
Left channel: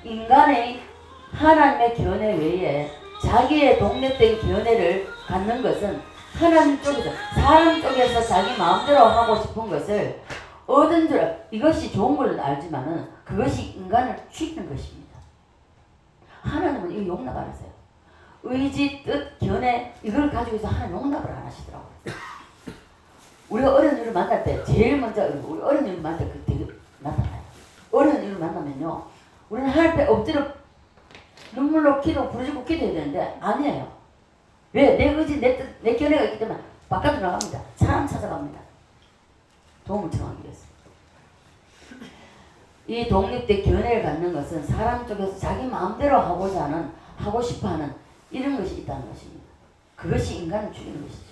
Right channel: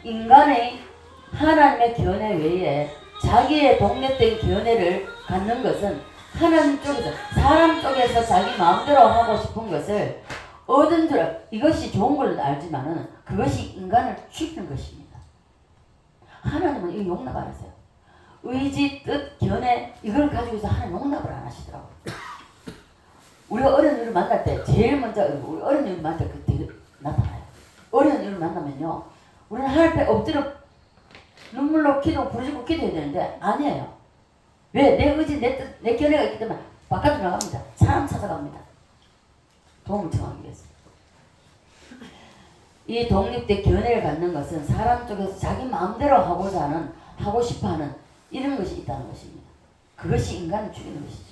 인간의 하나님의 견해 외에 자기의 독립된 견해를 갖는 것은 하나님 쪽에서 사람 쪽에서 자기 마음대로 하고 싶은 것을 얻은 줄 이것이 좋은 걸로 알지만은 그것이 인간을 죽이는 것입니다. 하나님은 이 용납 안 하세요. 의지, 뜻, 견해 이걸 가지고서 하나님 용납을 안 하시더라고요. 우리가 어려운 일을 만날 때 제일 먼저 우리 어려운 일을 만날 때 그때 나타나요. 어려운 일을 만나면요. 우리는 하나님 앞에 엎드려 눈물로 기도 부르짖고 기도해야 되는데 아니에요. 왜? 내 의지, 내 뜻, 내 견해가 있기 때문에 바깥으로 나갑니다. 사람 찾아갑니다. 도움을 청하기 위해서. 이 독립된 견해를 갖는 것은 사람 쪽에서 자기 마음대로 하고자 하는, 하고 싶어하는 이런 것이 있다는 것입니다. 그것이 인간을 죽이는 것이죠.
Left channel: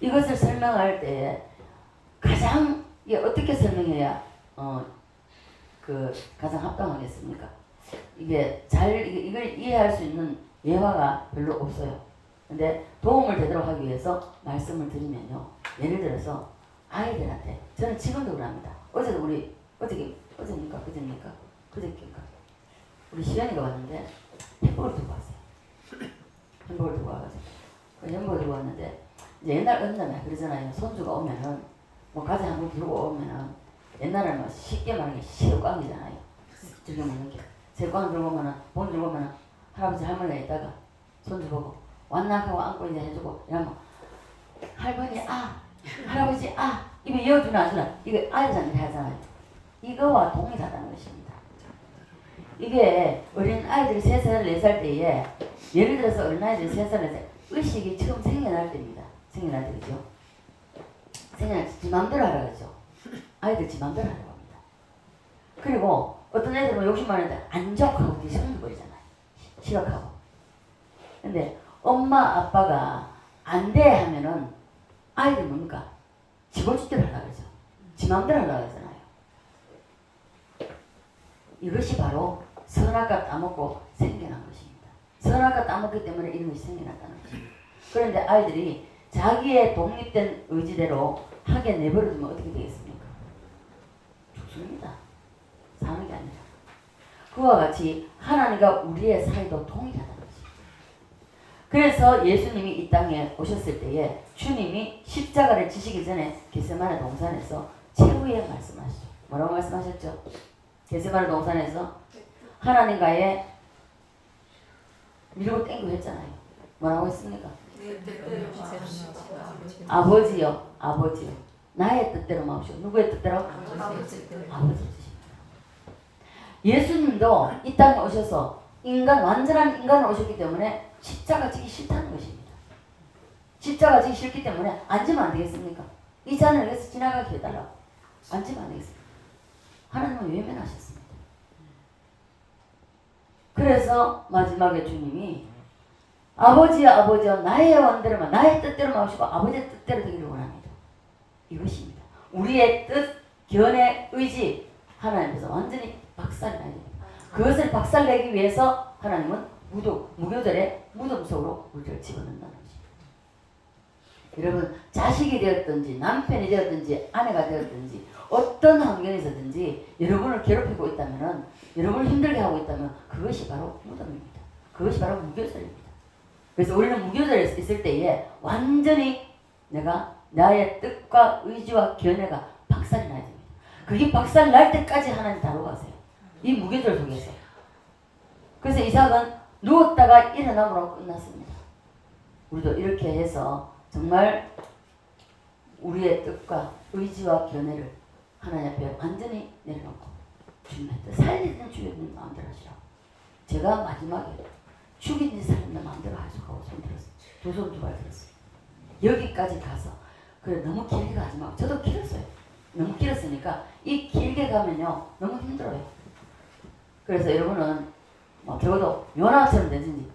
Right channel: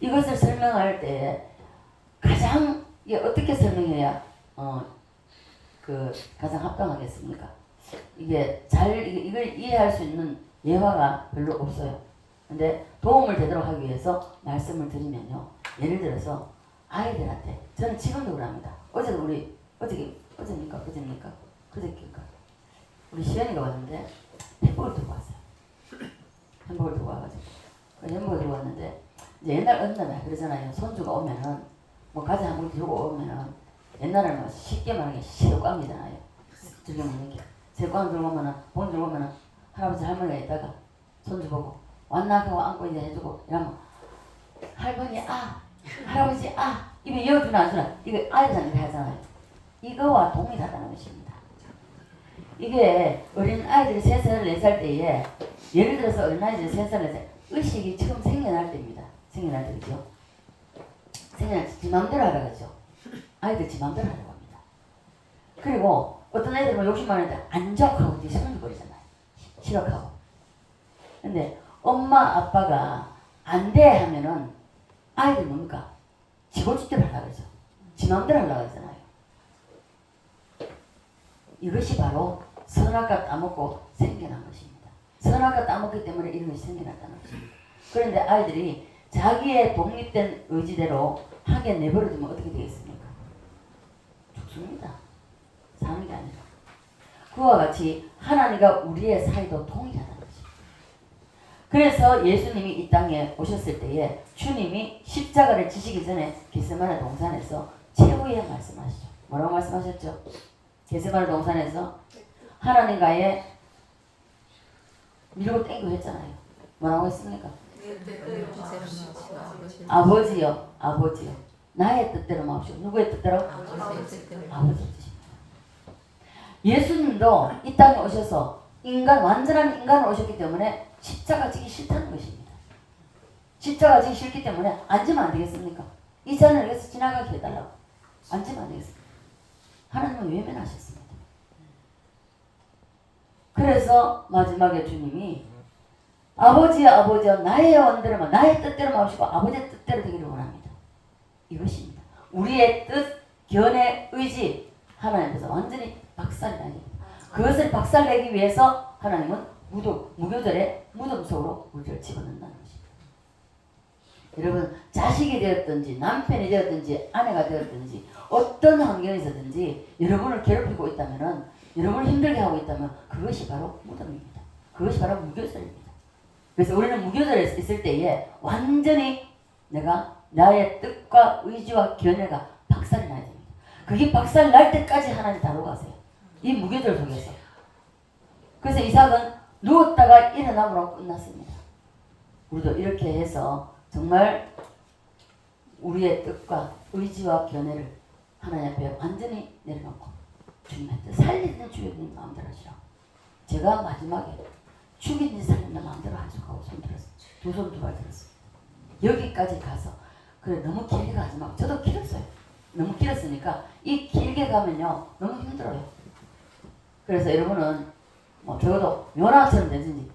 이것을 설명할 때 가장 이게 어떻게 설명해야 가장 합당하겠습니까? 이게 이걸 이해할 수 있는 예화가 별로 없어요. 근데 도움을 되도록 하기 위해서 말씀을 드리면요. 예를 들어서 아이들한테 저는 지금도 그럽니다. 어제도 어제입니까? 그제입니까? 그제입니까? 우리 시연이가 왔는데 팩복을 들고 왔어요. 햄버거 들고 와가지고 그 햄버거 들고 왔는데 이제 옛날 언니는 그러잖아요. 손주가 오면은 뭐 과자 한 번 들고 오면은 옛날에는 뭐 쉽게 말하는 게 새우깡이잖아요. 들고 먹는 게 새우깡 들고 오면은 본 들고 오면은 할아버지 할머니가 있다가 손주 보고 왔나 하고 안고 이제 해주고 이러면 할머니 아 할아버지 아 입에 이어주나 안 주나 이거 아이들한테 하잖아요. 이거와 동일하다는 것입니다. 이게 어린 아이들이 3살 4살 때에 예를 들어서 어린 아이들이 3살 4살 의식이 처음 생겨날 때입니다. 생겨날 때죠. 생겨날 때 지 맘대로 하라고죠. 아이들 지 맘대로 하라고 합니다. 그리고 어떤 애들은 욕심 많은데 안 좋고 뒤집어 버리잖아요. 싫어하고. 근데 엄마 아빠가 안 돼 하면은 아이들 뭡니까? 지고지대로 하려고 하죠. 지 맘대로 하려고 하잖아요. 이것이 바로 선악과 따먹고 생겨난 것입니다. 선악과 따먹기 때문에 이런 것이 생겨났다는 것입니다. 그런데 아이들이 자기의 독립된 의지대로 하게 내버려두면 어떻게 되겠습니까? 죽습니다. 사는 게 아니라. 그와 같이 하나님과 우리의 사이도 동일하다는 것입니다. 그래서 예수님이 이 땅에 오셨을 때에 주님이 십자가를 지시기 전에 겟세마네 동산에서 최후의 말씀하시죠. 뭐라고 말씀하셨죠? 겟세마네 동산에서 하나님과의 밀고 땡기고 했잖아요. 뭐라고 했습니까? 아버지요, 아버지요. 나의 뜻대로 마옵시고 누구의 뜻대로? 아버지 뜻입니다. 예수님도 이 땅에 오셔서 완전한 인간으로 오셨기 때문에 십자가 지기 싫다는 것입니다. 십자가 지기 싫기 때문에 앉으면 안 되겠습니까? 이 잔을 여기서 지나가게 해달라고. 앉으면 안 되겠습니까? 하나님은 외면하셨습니다. 그래서 마지막에 주님이 아버지여 아버지여 나의 원대로만 나의 뜻대로 마시고 아버지의 뜻대로 되기를 원합니다. 이것입니다. 우리의 뜻, 견해, 의지 하나님께서 완전히 박살나야 됩니다. 그것을 박살내기 위해서 하나님은 무교절의 무덤 속으로 우리를 집어넣는다는 것입니다. 여러분 자식이 되었든지 남편이 되었든지 아내가 되었든지 어떤 환경에서든지 여러분을 괴롭히고 있다면 여러분을 힘들게 하고 있다면 그것이 바로 무덤입니다. 그것이 바로 무교절입니다. 그래서 우리는 무교절에 있을 때에 완전히 내가 나의 뜻과 의지와 견해가 박살이 나야 됩니다. 그게 박살 날 때까지 하나님 다루고 가세요. 이 무교절 속에서. 그래서 이삭은 누웠다가 일어남으로 끝났습니다. 우리도 이렇게 해서 정말 우리의 뜻과 의지와 견해를 하나님 앞에 완전히 내려놓고 주님의 뜻 살리는 주님 마음대로 하시라고. 제가 마지막에 죽이는 살리는 마음대로 하시고 손 들었어요. 두 손 두 발 들었어요. 여기까지 가서 그래 너무 길게 가지 말고 저도 길었어요. 너무 길었으니까 이 길게 가면요 너무 힘들어요. 그래서 여러분은 뭐 적어도 요나처럼 되든지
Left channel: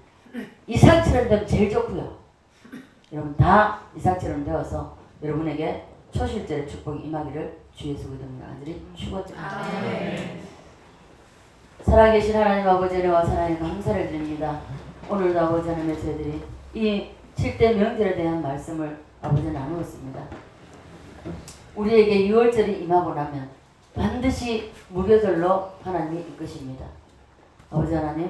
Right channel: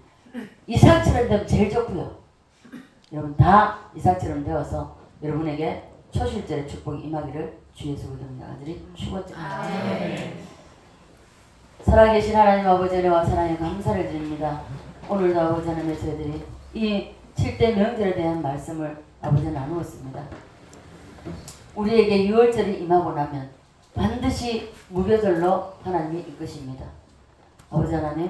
이삭처럼 되면 제일 좋고요. 여러분 다 이삭처럼 되어서 여러분에게 초실절의 축복이 임하기를 주 예수 그리스도로 간절히 축원드립니다. 살아계신 하나님 아버지 은혜와 사랑에 감사를 드립니다. 오늘도 아버지 하나님의 저희들이 이 7대 명절에 대한 말씀을 아버지 나누었습니다. 우리에게 6월절이 임하고 나면 반드시 무교절로 하나님이 이끄십니다. 아버지 하나님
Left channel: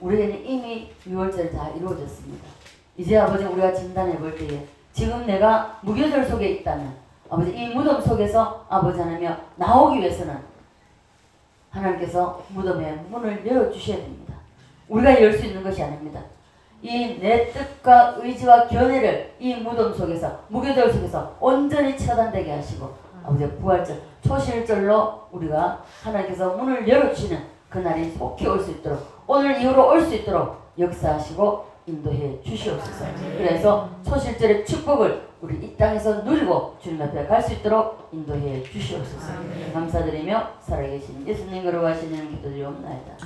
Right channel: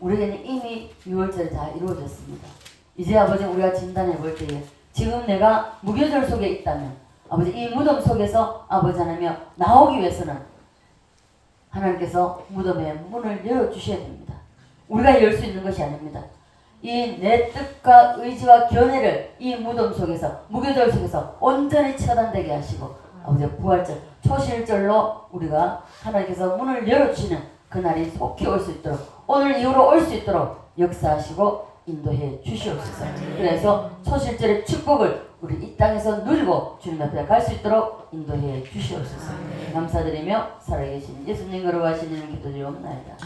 우리에게는 이미 6월절이 다 이루어졌습니다. 이제 아버지 우리가 진단해 볼 때에 지금 내가 무교절 속에 있다면 아버지 이 무덤 속에서 아버지 하나님 나오기 위해서는 하나님께서 무덤의 문을 열어주셔야 됩니다. 우리가 열 수 있는 것이 아닙니다. 이 내 뜻과 의지와 견해를 이 무덤 속에서 무교절 속에서 온전히 처단되게 하시고 아버지 부활절 초실절로 우리가 하나님께서 문을 열어주시는 그날이 속히 올 수 있도록 오늘 이후로 올 수 있도록 역사하시고 인도해 주시옵소서. 그래서 초실절의 축복을 우리 이 땅에서 누리고 주님 앞에 갈 수 있도록 인도해 주시옵소서. 감사드리며 살아계신 예수님 거룩하신 이름 기도드리옵나이다.